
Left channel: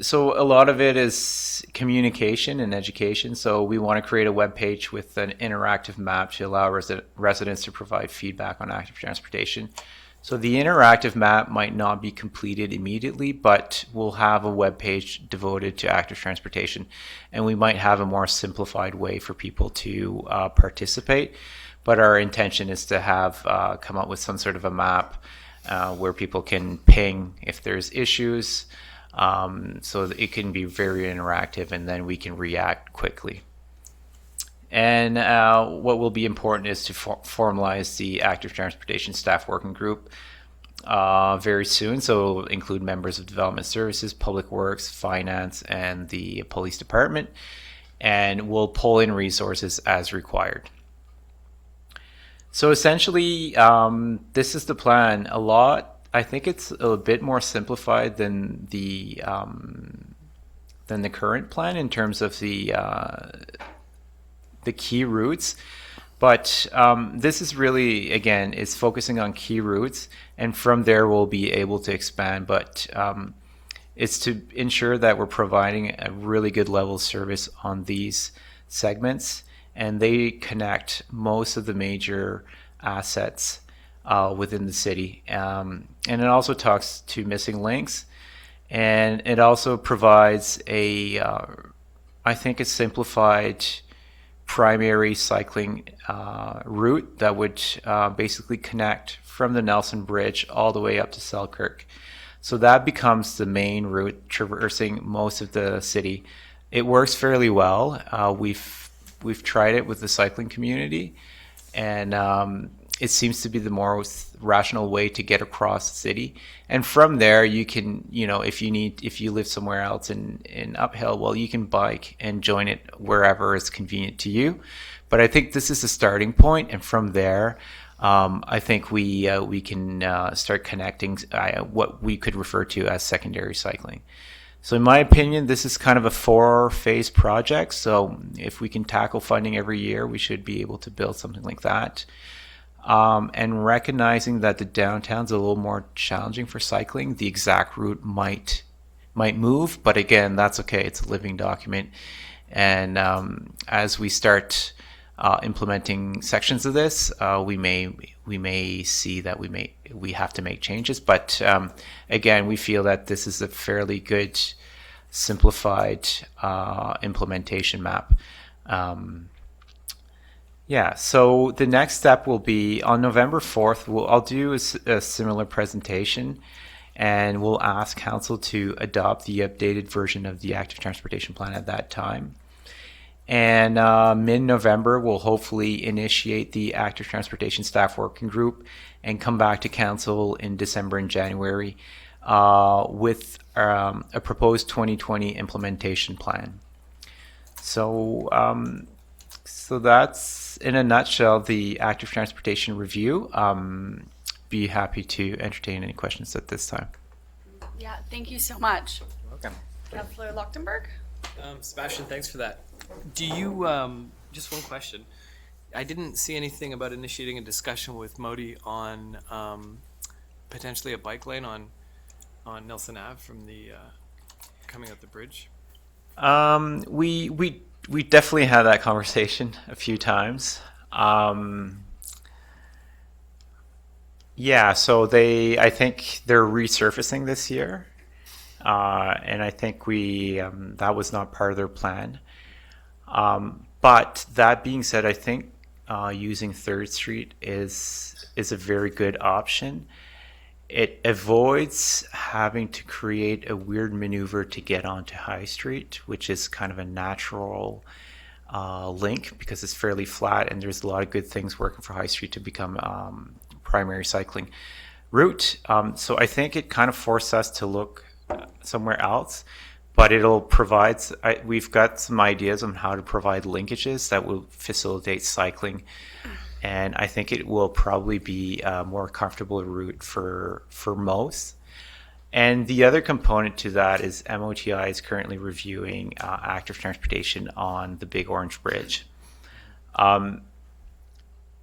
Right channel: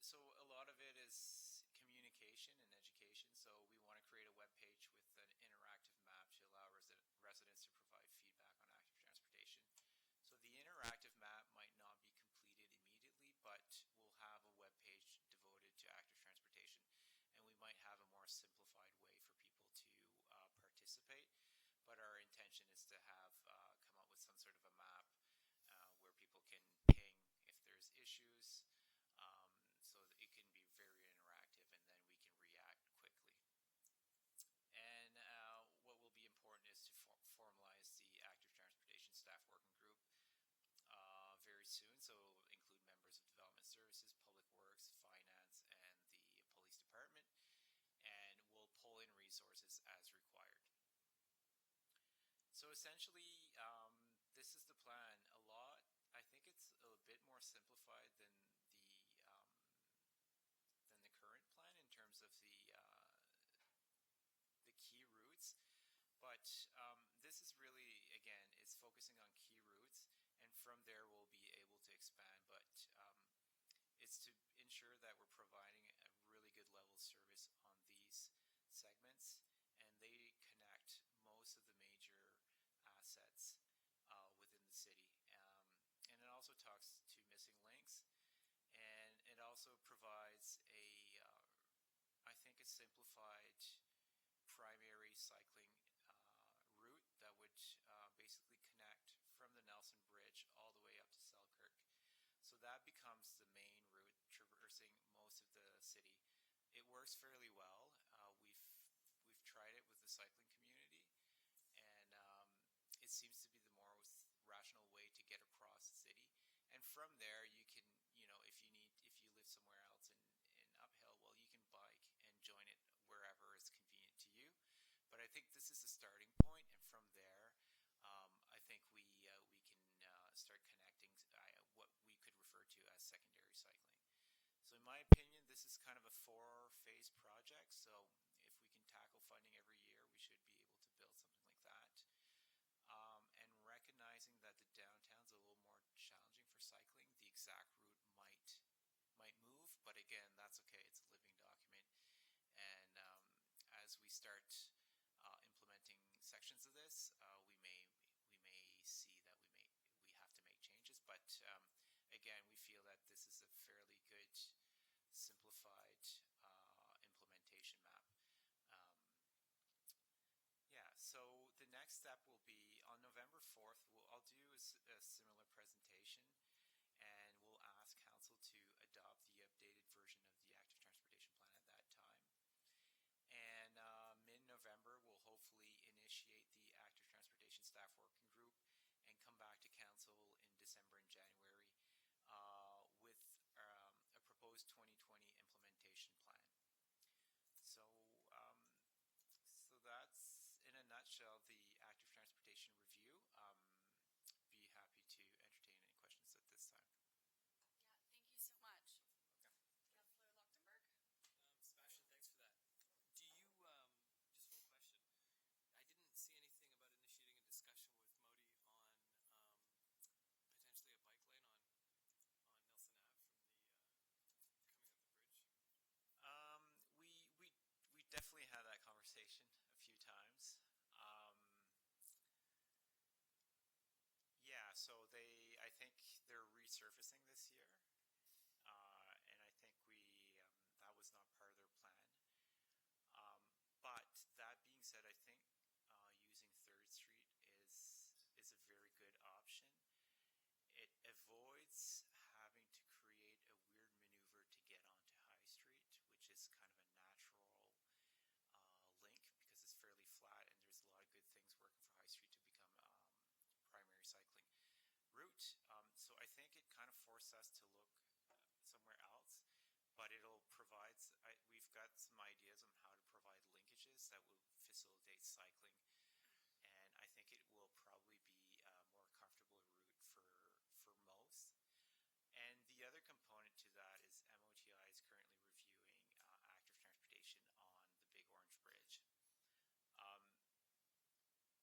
So a lot of it is communication and education. So we want to create a web page with an interactive map to allow residents to provide feedback on active transportation. So the interactive map might not be completed immediately, but we'll have a web page devoted to active transportation, and we might have a more simplified way for people to participate. But our intention is to have come up with some sort of a map where people can ping if there's issues, so that it can be very interactive, and then we can react quickly. And what will be important is to formalize the active transportation staff working group very soon. So include members of development services, public works, finance, and the police department. And we'll pull in resources as required. So essentially, this is the plan. I think it's a bit more simplified than the current plan in terms of the key routes, but this is really, again, is focusing on key routes, and from there we'll be able to expand, but it's to ensure that we're providing a really good level of service on these segments, and they connect most of the major assets within the city. And it also talks to missing links, and it also provides I think a simplified primary cycling route that would basically connect from the Nelson Bridge all the way up to Selkirk. So that becomes the main route traversing most of the city. It works fairly well. We've tried it with the cycling community, and it seems to be the most rational way to get across the city. And from there, you can, if you live somewhere else in Uphill, well, you can bike and join it wherever is convenient to you. But I think this is a starting point, and from there, I think we can start connecting what we could refer to as secondary cycling. So in my opinion, this is kind of a 4-phase project. So if we can tackle funding every year, we should be able to build something like that. And recognizing that the downtown's a little more challenging for cycling, the exact route might move, but again, that's okay. It's a living document. And as we start implementing sections of this, we may see that we have to make changes. But again, we feel that this is a fairly good, simplified implementation map. So the next step will be on November 4th. I'll do a similar presentation, and we'll ask council to adopt the updated version of the active transportation plan at that time. And mid-November, we'll hopefully initiate the active transportation staff working group and come back to council in December and January with a proposed 2020 implementation plan. So that's, in a nutshell, the active transportation review. Be happy to entertain any questions at this time. Yeah, thank you so much. Welcome. Councillor Lochtenberg? Sebastian, thanks for that. Do you, just one question. I didn't see anything about initiating a discussion with Modi on potentially a bike lane on Nelson Ave from the coming up the bridge. We definitely had that conversation a few times. So I think they're resurfacing this year. And I think that was not part of their plan. But that being said, I think using 3rd Street is a very good option. It avoids having to create a weird maneuver to get onto High Street, which is kind of a natural link because it's fairly flat and there's a lot of good things working for High Street to become primary cycling route. So I think it kind of forced us to look somewhere else, but it'll provide, we've got some ideas on how to provide linkages that will facilitate cycling. And I think it will probably be a more comfortable route for most. And the other component to that is MOTI is currently reviewing active transportation on the Big Orange Bridge.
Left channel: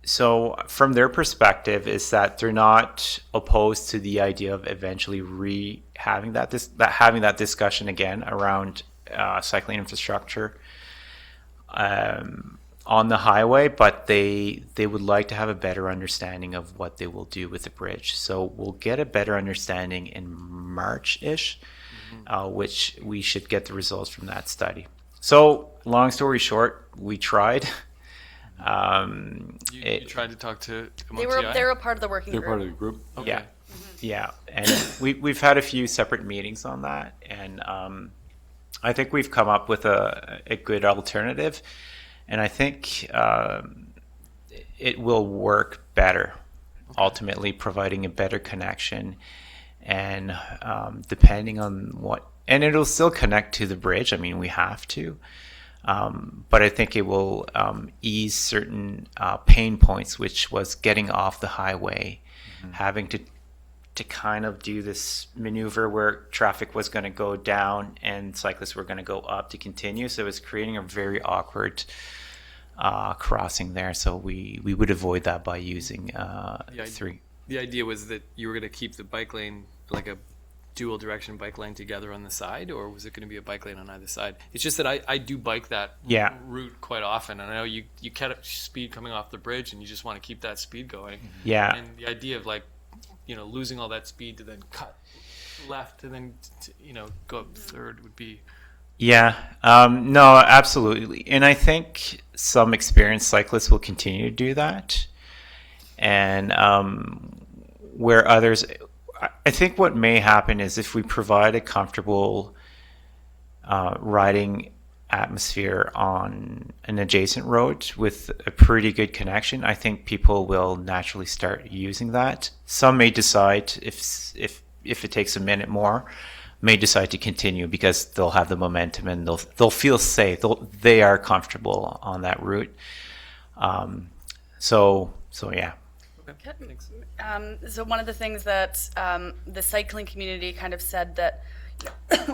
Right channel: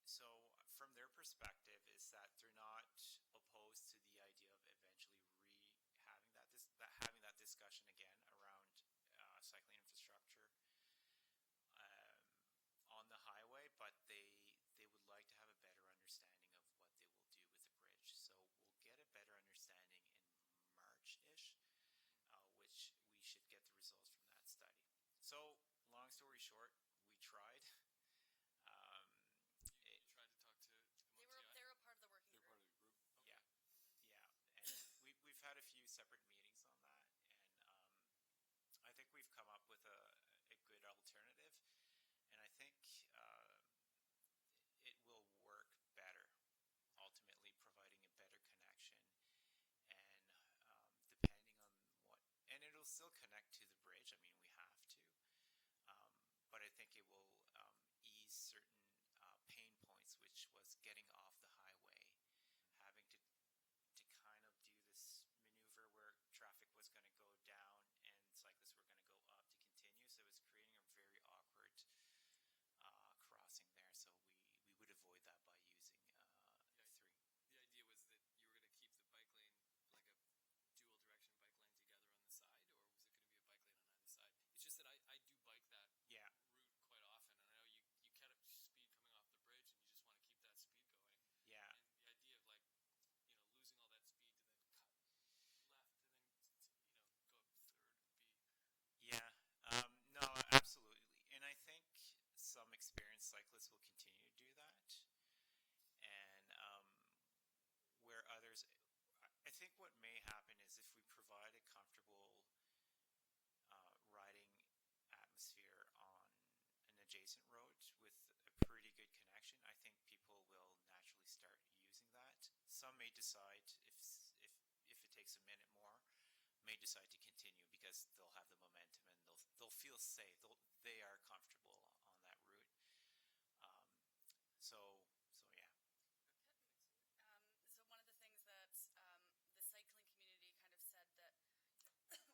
So from their perspective is that they're not opposed to the idea of eventually having that discussion again around cycling infrastructure on the highway, but they would like to have a better understanding of what they will do with the bridge. So we'll get a better understanding in March-ish, which we should get the results from that study. So long story short, we tried. You tried to talk to They MOTI? were a part of the working group. They're part of the group. Okay. Yeah, and we've had a few separate meetings on that, and I think we've come up with a good alternative, and I think it will work better, ultimately providing a better connection, and depending on and it'll still connect to the bridge. I mean, we have to. But I think it will ease certain pain points, which was getting off the highway, having to kind of do this maneuver where traffic was going to go down and cyclists were going to go up to continue. So it was creating a very awkward crossing there. So we would avoid that by using 3. The idea was that you were going to keep the bike lane like a dual direction bike lane together on the side, or was it going to be a bike lane on either side? It's just that I do bike that route quite often, and I know you kept speed coming off the bridge and you just want to keep that speed going. Yeah. And the idea of losing all that speed to then cut left and then go up 3rd would be no, absolutely. And I think some experienced cyclists will continue to do that, and where others, I think what may happen is if we provide a comfortable riding atmosphere on an adjacent road with a pretty good connection, I think people will naturally start using that. Some may decide, if it takes a minute more, may decide to continue because they'll have the momentum and they'll feel safe. They are comfortable on that route. So yeah. Okay, thanks. So one of the things that the cycling community kind of said that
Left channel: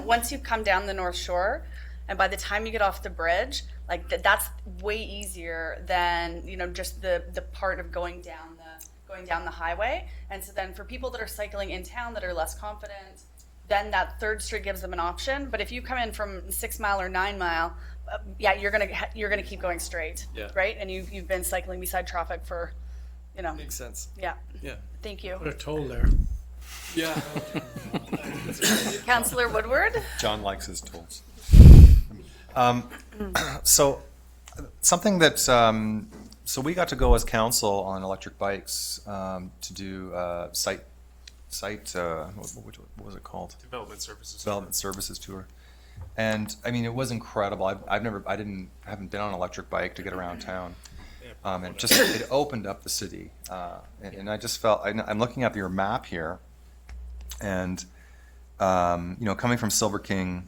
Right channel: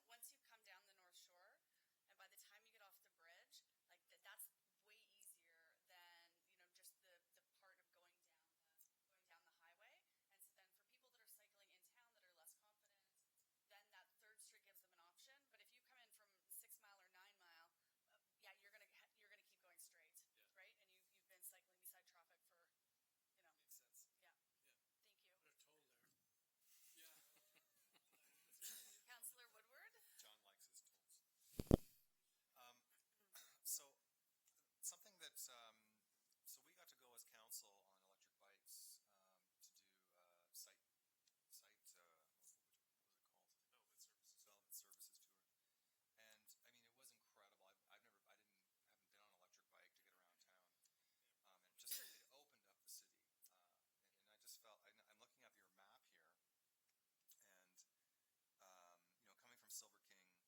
once you come down the North Shore, and by the time you get off the bridge, like that's way easier than just the part of going down the highway. And so then for people that are cycling in town that are less confident, then that 3rd Street gives them an option. But if you come in from 6 Mile or 9 Mile, yeah, you're gonna keep going straight, Yeah. right? And you've been cycling beside traffic for, Makes sense. yeah. Yeah. Thank you, Put a toll there. Yeah. Councillor Woodward. John likes his tools. So something that, so we got to go as council on electric bikes to do site, what was it called? Development services. Development services tour. And I mean, it was incredible. I haven't been on an electric bike to get around town. And it opened up the city. And I just felt, I'm looking at your map here, and coming from Silver King,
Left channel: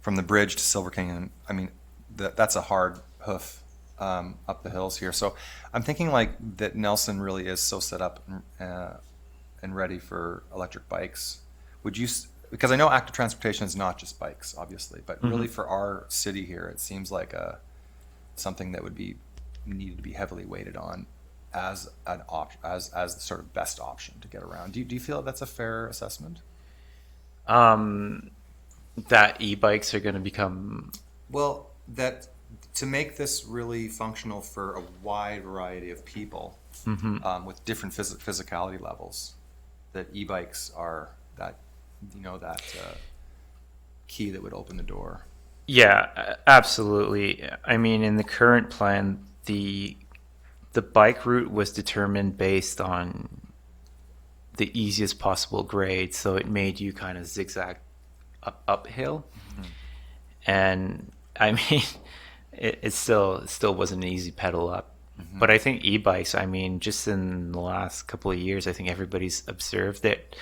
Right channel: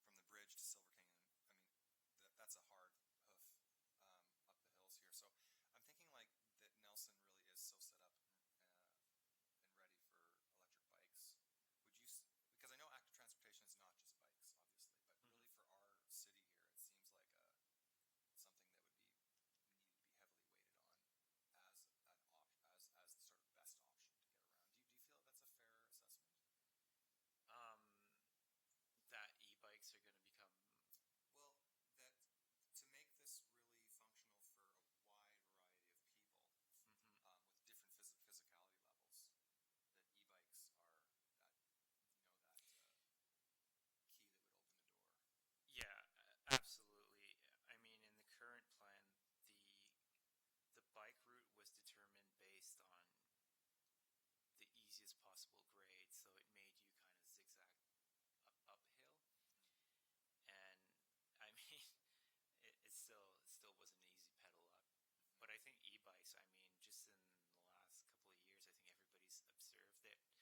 from the bridge to Silver King, and I mean, that's a hard hoof up the hills here. So I'm thinking like that Nelson really is so set up and ready for electric bikes. Would you, because I know active transportation is not just bikes, obviously, but really for our city here, it seems like something that would be needed to be heavily weighted on as an as the sort of best option to get around. Do you feel that's a fair assessment? That e-bikes are going to become... Well, that to make this really functional for a wide variety of people with different physicality levels, that e-bikes are that key that would open the door. Yeah, absolutely. I mean, in the current plan, the bike route was determined based on the easiest possible grade, so it made you kind of zigzag uphill. And I mean, it still wasn't an easy pedal up. But I think e-bikes, I mean, just in the last couple of years, I think everybody's observed that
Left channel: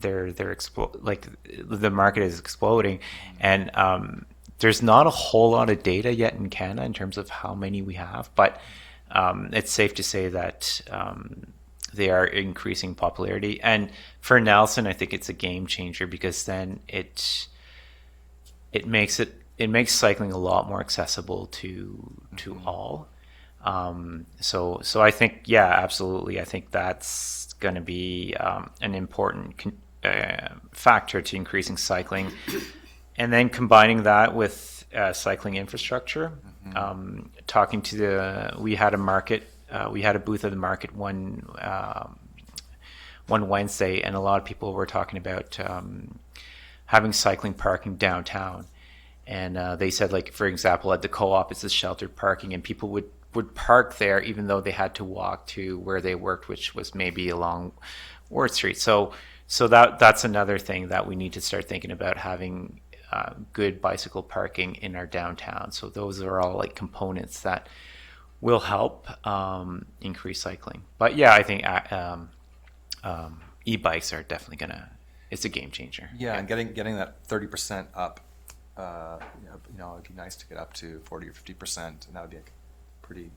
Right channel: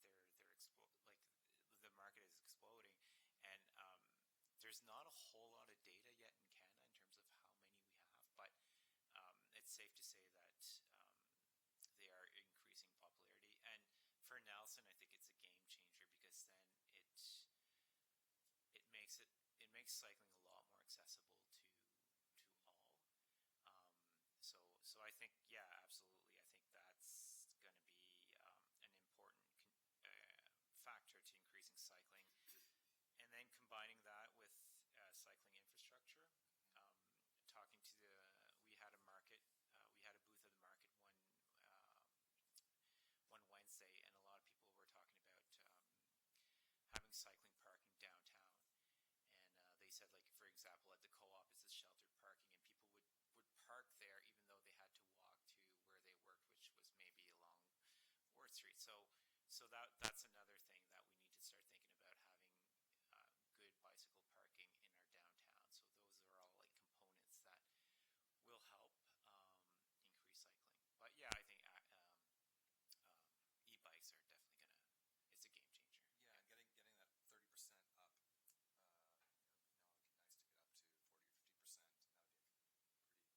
the market is exploding, and there's not a whole lot of data yet in Canada in terms of how many we have, but it's safe to say that they are increasing popularity. And for Nelson, I think it's a game changer, because then it makes cycling a lot more accessible to all. So I think, yeah, absolutely. I think that's going to be an important factor to increasing cycling. And then combining that with cycling infrastructure, we had a booth at the market one Wednesday, and a lot of people were talking about having cycling parking downtown. And they said, like, for example, at the Co-op, it's a sheltered parking, and people would park there even though they had to walk to where they worked, which was maybe along Ward Street. So that's another thing that we need to start thinking about, having good bicycle parking in our downtown. So those are all like components that will help increase cycling. But yeah, I think e-bikes are definitely it's a game changer. Yeah, and getting that 30% up, it'd be nice to get up to 40 or 50%, and that would be pretty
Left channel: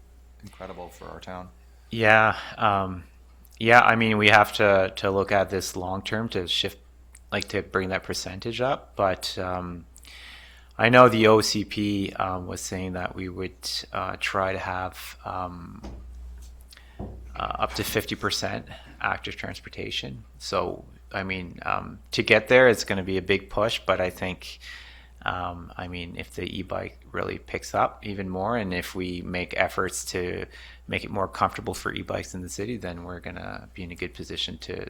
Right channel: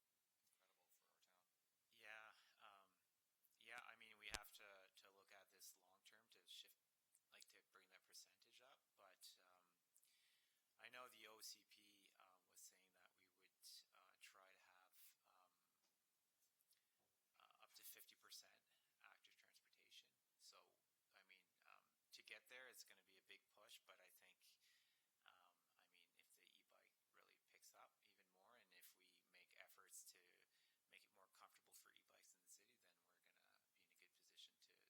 incredible for our town. Yeah. I mean, we have to look at this long term to shift, like, to bring that percentage up. But I know the OCP was saying that we would try to have up to 50% active transportation. So, I mean, to get there, it's going to be a big push. But I think, if the e-bike really picks up even more, and if we make efforts to make it more comfortable for e-bikes in the city, then we're going to be in a good position to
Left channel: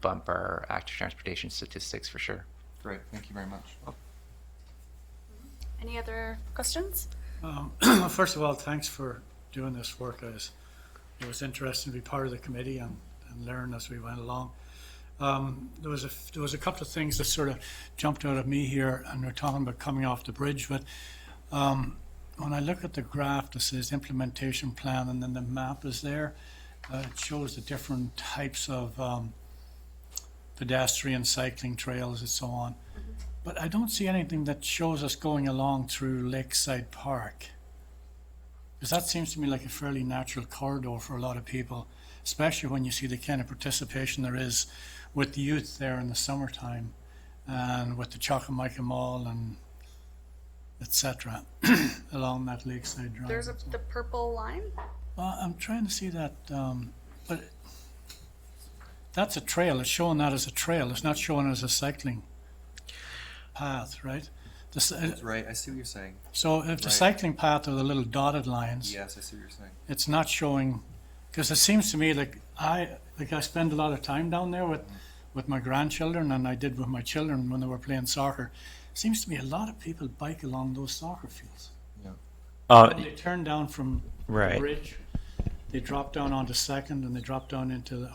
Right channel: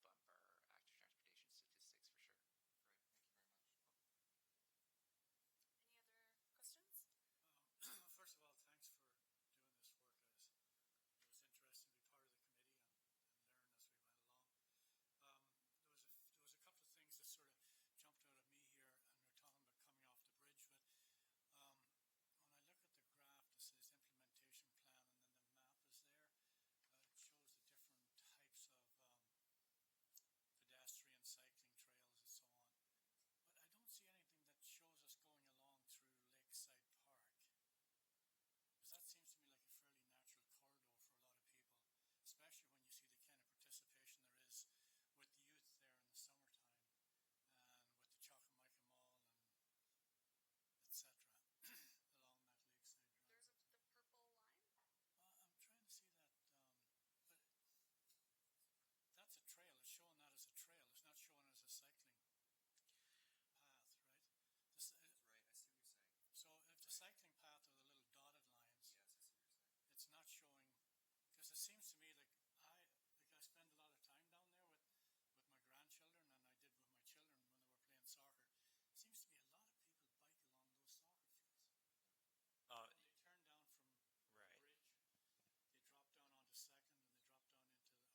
bump our active transportation statistics for sure. Great, thank you very much. Any other questions? First of all, thanks for doing this work. It was interesting to be part of the committee and learn as we went along. There was a couple of things that sort of jumped out at me here, and we're talking about coming off the bridge, but When I look at the graph that says implementation plan and then the map is there, it shows the different types of pedestrian, cycling trails and so on. But I don't see anything that shows us going along through Lakeside Park. Because that seems to me like a fairly natural corridor for a lot of people, especially when you see the kind of participation there is with the youth there in the summertime and with the Chockamaica Mall and etc. along that Lakeside Drive. There's the purple line. I'm trying to see that, but that's a trail. It's showing that as a trail. It's not showing it as a cycling path, right? That's right. I see what you're saying. So if the cycling path are the little dotted lines, Yes, I see what you're saying. it's not showing, because it seems to me like I spend a lot of time down there with my grandchildren, and I did with my children when they were playing soccer. It seems to me a lot of people bike along those soccer fields. When they turn down from the bridge, they drop down onto Second, and they drop down into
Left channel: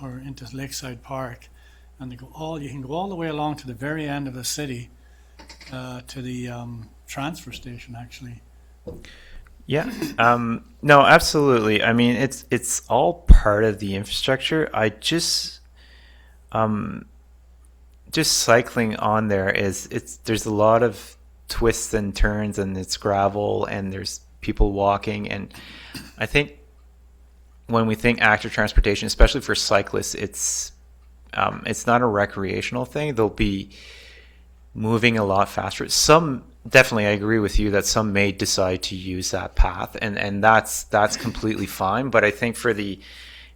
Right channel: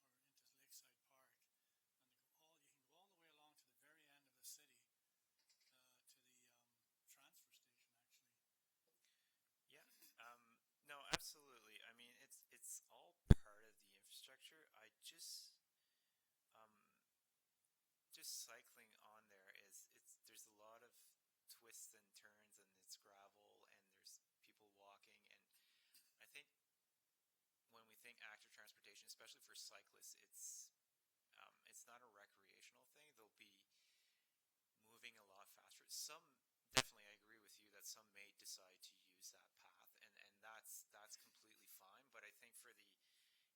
Lakeside Park, and you can go all the way along to the very end of the city, to the transfer station actually. Yeah. No, absolutely. I mean, it's all part of the infrastructure. I just cycling on there there's a lot of twists and turns, and it's gravel, and there's people walking, and I think when we think active transportation, especially for cyclists, it's not a recreational thing. They'll be moving a lot faster. Some definitely, I agree with you that some may decide to use that path, and that's completely fine. But I think for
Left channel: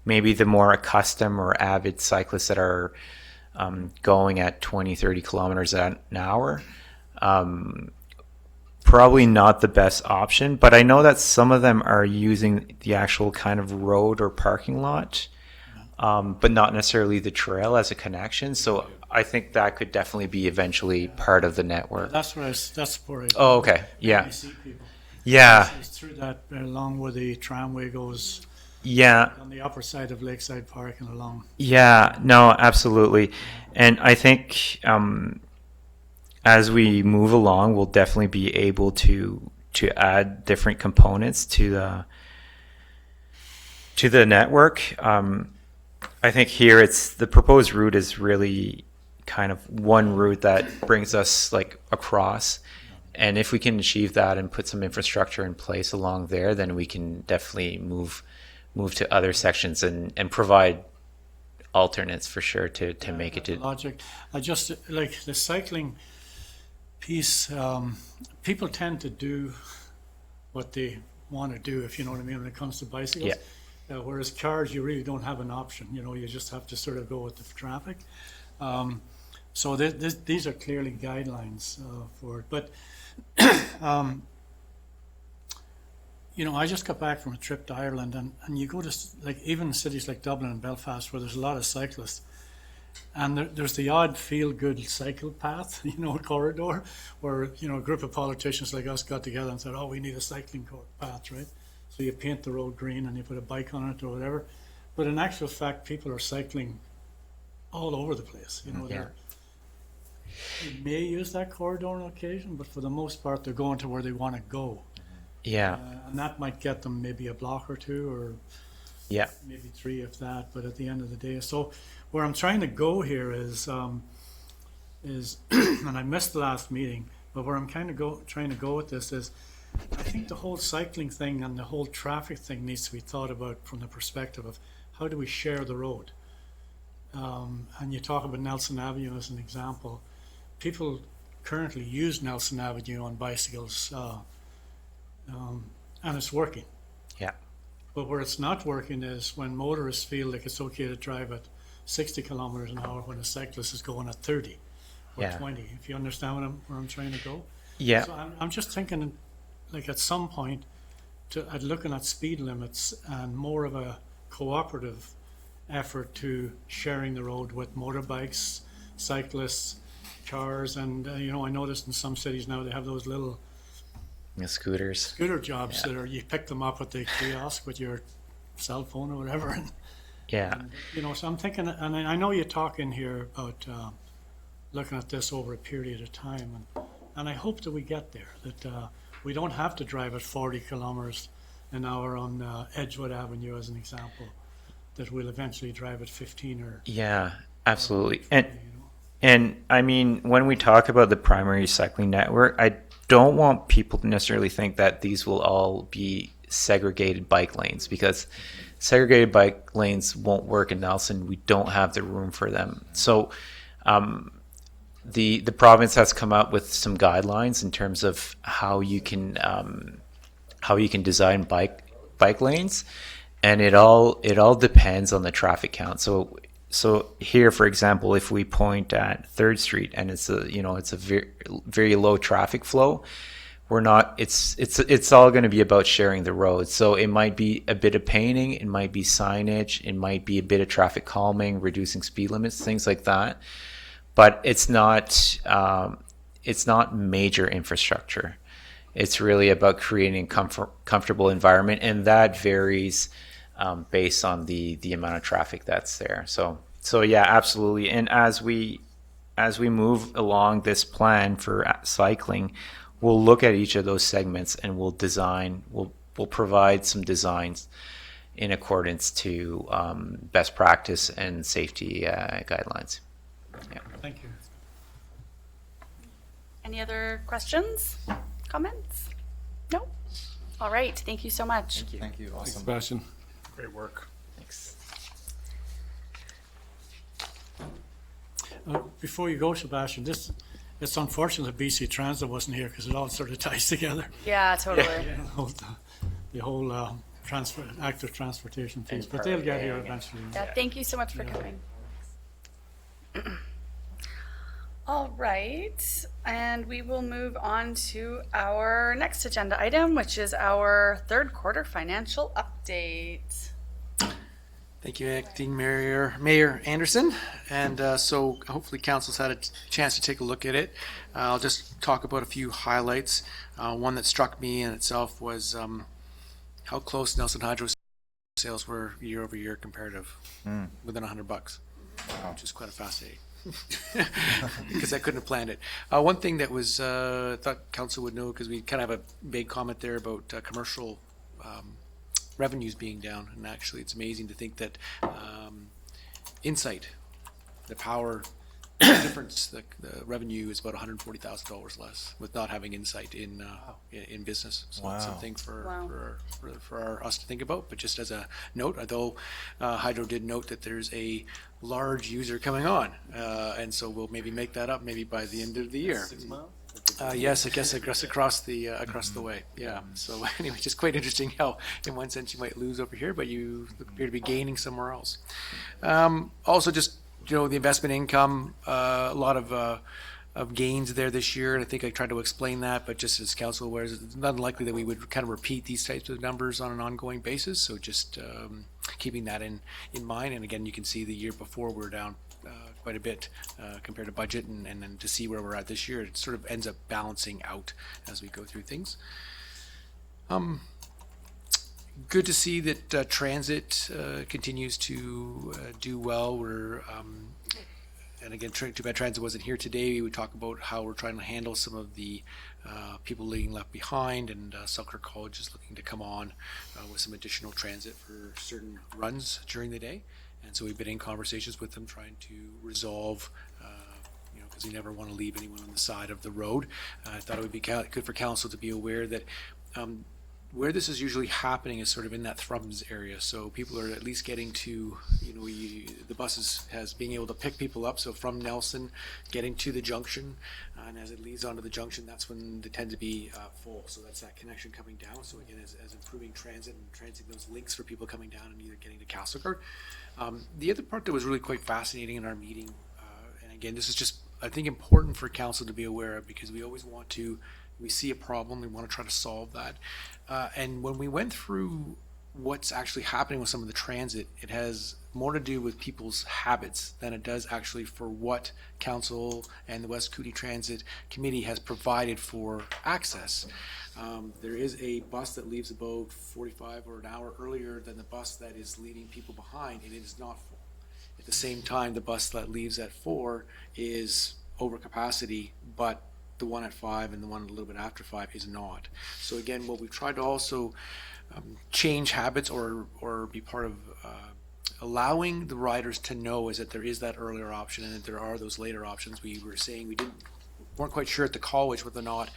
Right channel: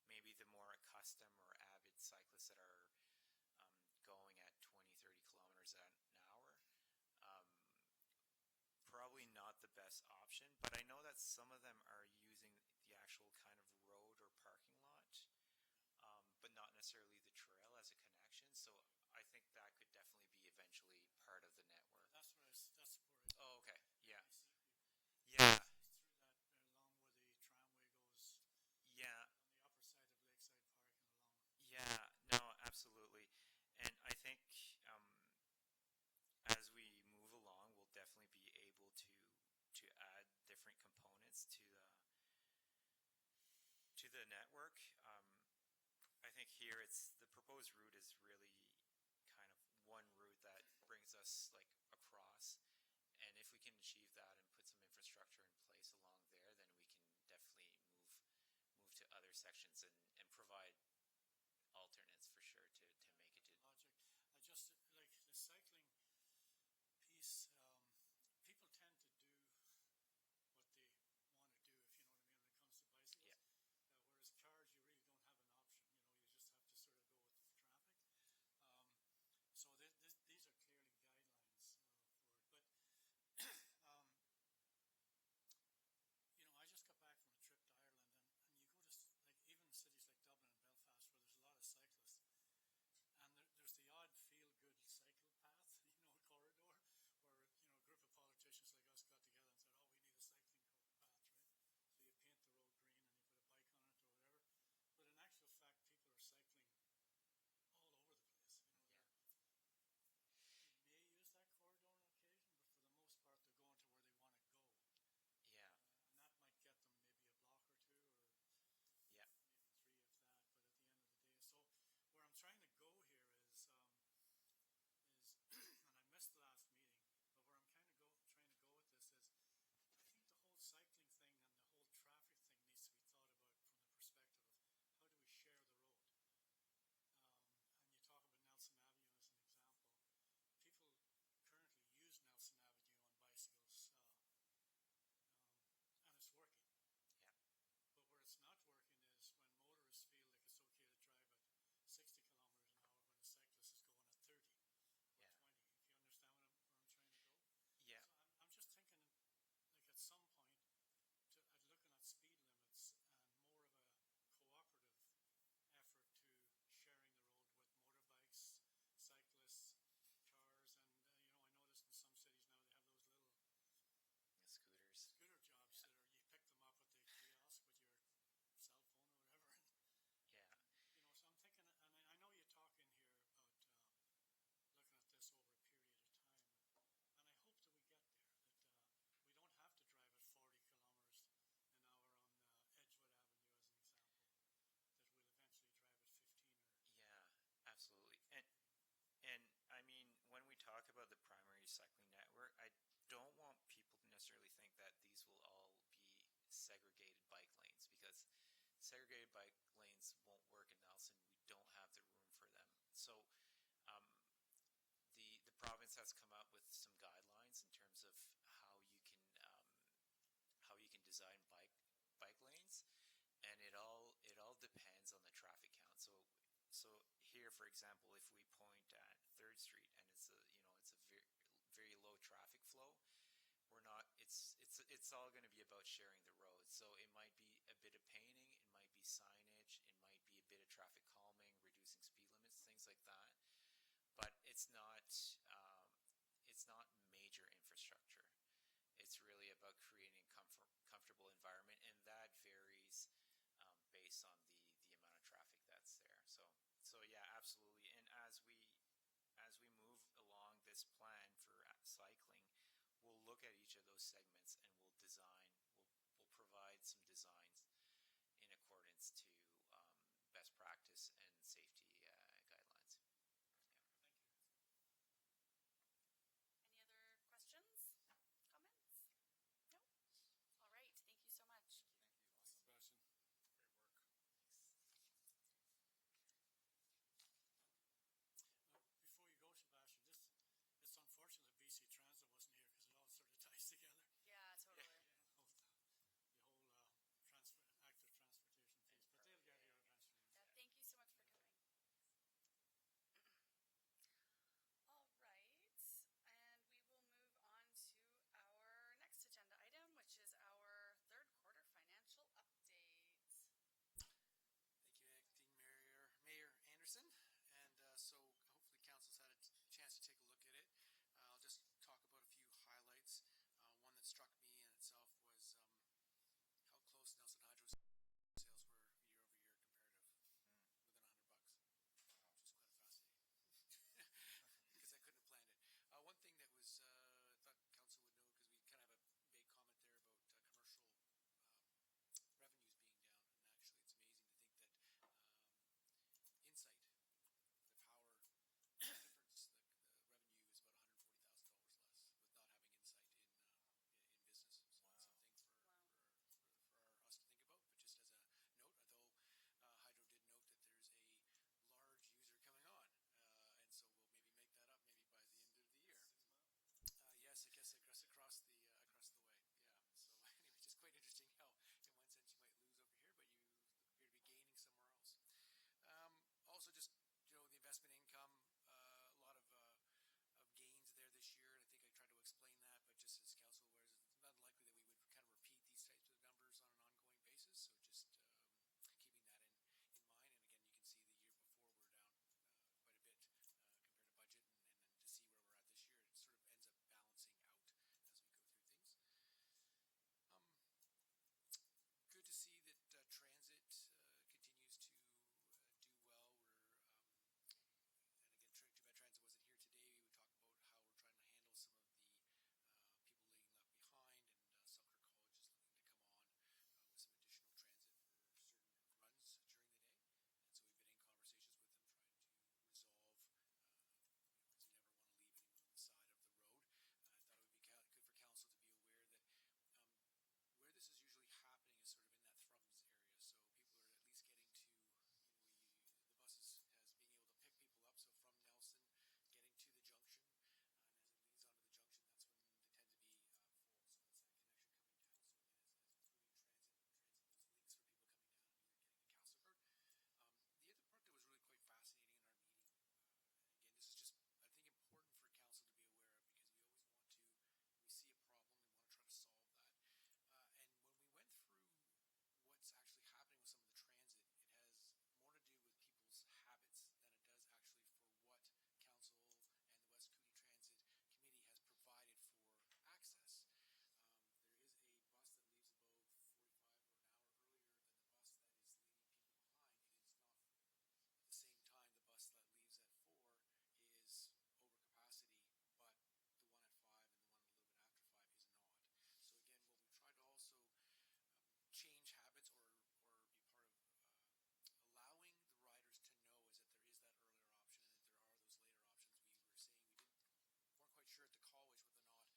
maybe the more accustomed or avid cyclists that are going at 20, 30 kilometers an hour, probably not the best option. But I know that some of them are using the actual kind of road or parking lot, but not necessarily the trail as a connection. So I think that could definitely be eventually part of the network. That's where I Oh, okay. Yeah. I see people. Yeah. It's through that, along where the tramway goes. Yeah. On the upper side of Lakeside Park and along. Yeah, no, absolutely. And I think as we move along, we'll definitely be able to add different components to the network. I think here the proposed route is really kind of one route that brings us like across. And if we can achieve that and put some infrastructure in place along there, then we can definitely move to other sections and provide alternates for sure to make it to logic. I just like the cycling piece. People tend to do what they want to do, if you know what I mean, when it comes to bicycles. Yeah. Whereas cars, you really don't have an option. You just have to sort of go with the traffic. So these are clearly guidelines for it. But I just got back from a trip to Ireland, and you go to even cities like Dublin and Belfast where there's a lot of cyclists, and there's the odd feel-good cycle path, corridor, where a group of politicians like us got together and said, "Oh, we need a cycling path, right?" So you paint the road green and you put a bike on it or whatever. But in actual fact, people are cycling all over the place. They may use that corridor on occasion, but for the most part, they're going to where they want to go. Yeah. And that might get them maybe a block or two, or maybe 3 if that. But at the end of the day, so where I'm trying to go here is, and I missed the last meeting, but where I'm trying to go with this is, I think the whole cycling thing and the whole traffic thing needs to be thought about from the perspective of how do we share the road. And you talk about Nelson Avenue as an example. People currently use Nelson Avenue on bicycles, and it's working. Yeah. But where it's not working is when motorists feel like it's okay to drive at 60 kilometers an hour when a cyclist is going at 30 or 20. If you understand where I'm trying to go. Yeah. So I'm just thinking, like at some point, at looking at speed limits and more of a cooperative effort to sharing the road with motorbikes, cyclists, cars, and I noticed in some cities now they have those little scooters. Scooter jobs that are, you pick them up at the kiosk with your cell phone or whatever. And, so I'm thinking, and I know you talk in here about looking at this over a period of time, and I hope that we get there, that we don't have to drive at 40 kilometers an hour on Edgewood Avenue as an example, that we'll eventually drive at 15 or Yeah, absolutely. 20, you know. And I mean, when we talk about the primary cycling network, I don't want people to necessarily think that these will all be segregated bike lanes, because segregated bike lanes won't work in Nelson. We don't have the room for them. So the province has come up with some guidelines in terms of how you can design bike lanes, and it all depends on the traffic count. So here, for example, if we point at 3rd Street and it's a very, very low traffic flow, it's all going to be about sharing the road. So it might be a bit of painting, it might be signage, it might be a bit of traffic calming, reducing speed limits, things like that. But it's not major infrastructure. It's really about creating a comfortable environment, and that varies based on the amount of traffic that's there. So yeah, absolutely. And as we move along this plan for cycling, we'll look at each of those segments and we'll provide some designs in accordance to best practice and safety guidelines. Yeah. Thank you. Any other questions, comments? No? All right, thank you so much. Thank you. Awesome. Sebastian. Great work. Thanks. Before you go, Sebastian, it's unfortunate that BC Transit wasn't here because it all sort of ties together. Yeah, totally. The whole active transportation piece, but they'll get here eventually. Yeah, thank you so much for coming. All right, and we will move on to our next agenda item, which is our 3rd quarter financial update. Thank you, Acting Mayor Anderson. And so hopefully council's had a chance to take a look at it. I'll just talk about a few highlights. One that struck me in itself was how close Nelson Hydro's sales were year over year comparative, within $100, which is quite fascinating. Because I couldn't have planned it. One thing that was thought council would know, because we kind of have a big comment there about commercial revenues being down, and actually it's amazing to think that Insight, the power difference, the revenue is about $140,000 less with not having Insight in business. So it's something for us to think about. But just as a note, although Hydro did note that there's a large user coming on, and so we'll maybe make that up maybe by the end of the year. 6 miles? Yes, I guess across the way. Yeah. So anyway, just quite interesting how, in one sense, you might lose over here, but you appear to be gaining somewhere else. Also, just the investment income, a lot of gains there this year, and I think I tried to explain that. But just as council aware, it's not unlikely that we would kind of repeat these types of numbers on an ongoing basis. So just keeping that in mind. And again, you can see the year before we're down quite a bit compared to budget, and then to see where we're at this year, it sort of ends up balancing out as we go through things. Good to see that transit continues to do well. And again, too bad transit wasn't here today. We talk about how we're trying to handle some of the people being left behind, and Selkirk College is looking to come on with some additional transit for certain runs during the day. And so we've been in conversations with them trying to resolve, because we never want to leave anyone on the side of the road. I thought it would be good for council to be aware that where this is usually happening is sort of in that Thrums area. So people are at least getting to, the buses has being able to pick people up. So from Nelson, getting to the junction, and as it leads onto the junction, that's when they tend to be full. So that's that connection coming down. So again, as improving transit and transit those links for people coming down and either getting to Castlegar. The other part that was really quite fascinating in our meeting, and again, this is just, I think, important for council to be aware of, because we always we see a problem, we want to try to solve that. And when we went through what's actually happening with some of the transit, it has more to do with people's habits than it does actually for what council and the West Cooney Transit Committee has provided for access. There is a bus that leaves about 45 or an hour earlier than the bus that is leaving people behind, and it is not full. At the same time, the bus that leaves at 4 is over capacity, but the one at 5 and the one a little bit after 5 is not. So again, what we've tried to also change habits or be part of allowing the riders to know is that there is that earlier option and that there are those later options. We were saying we weren't quite sure at the college whether or not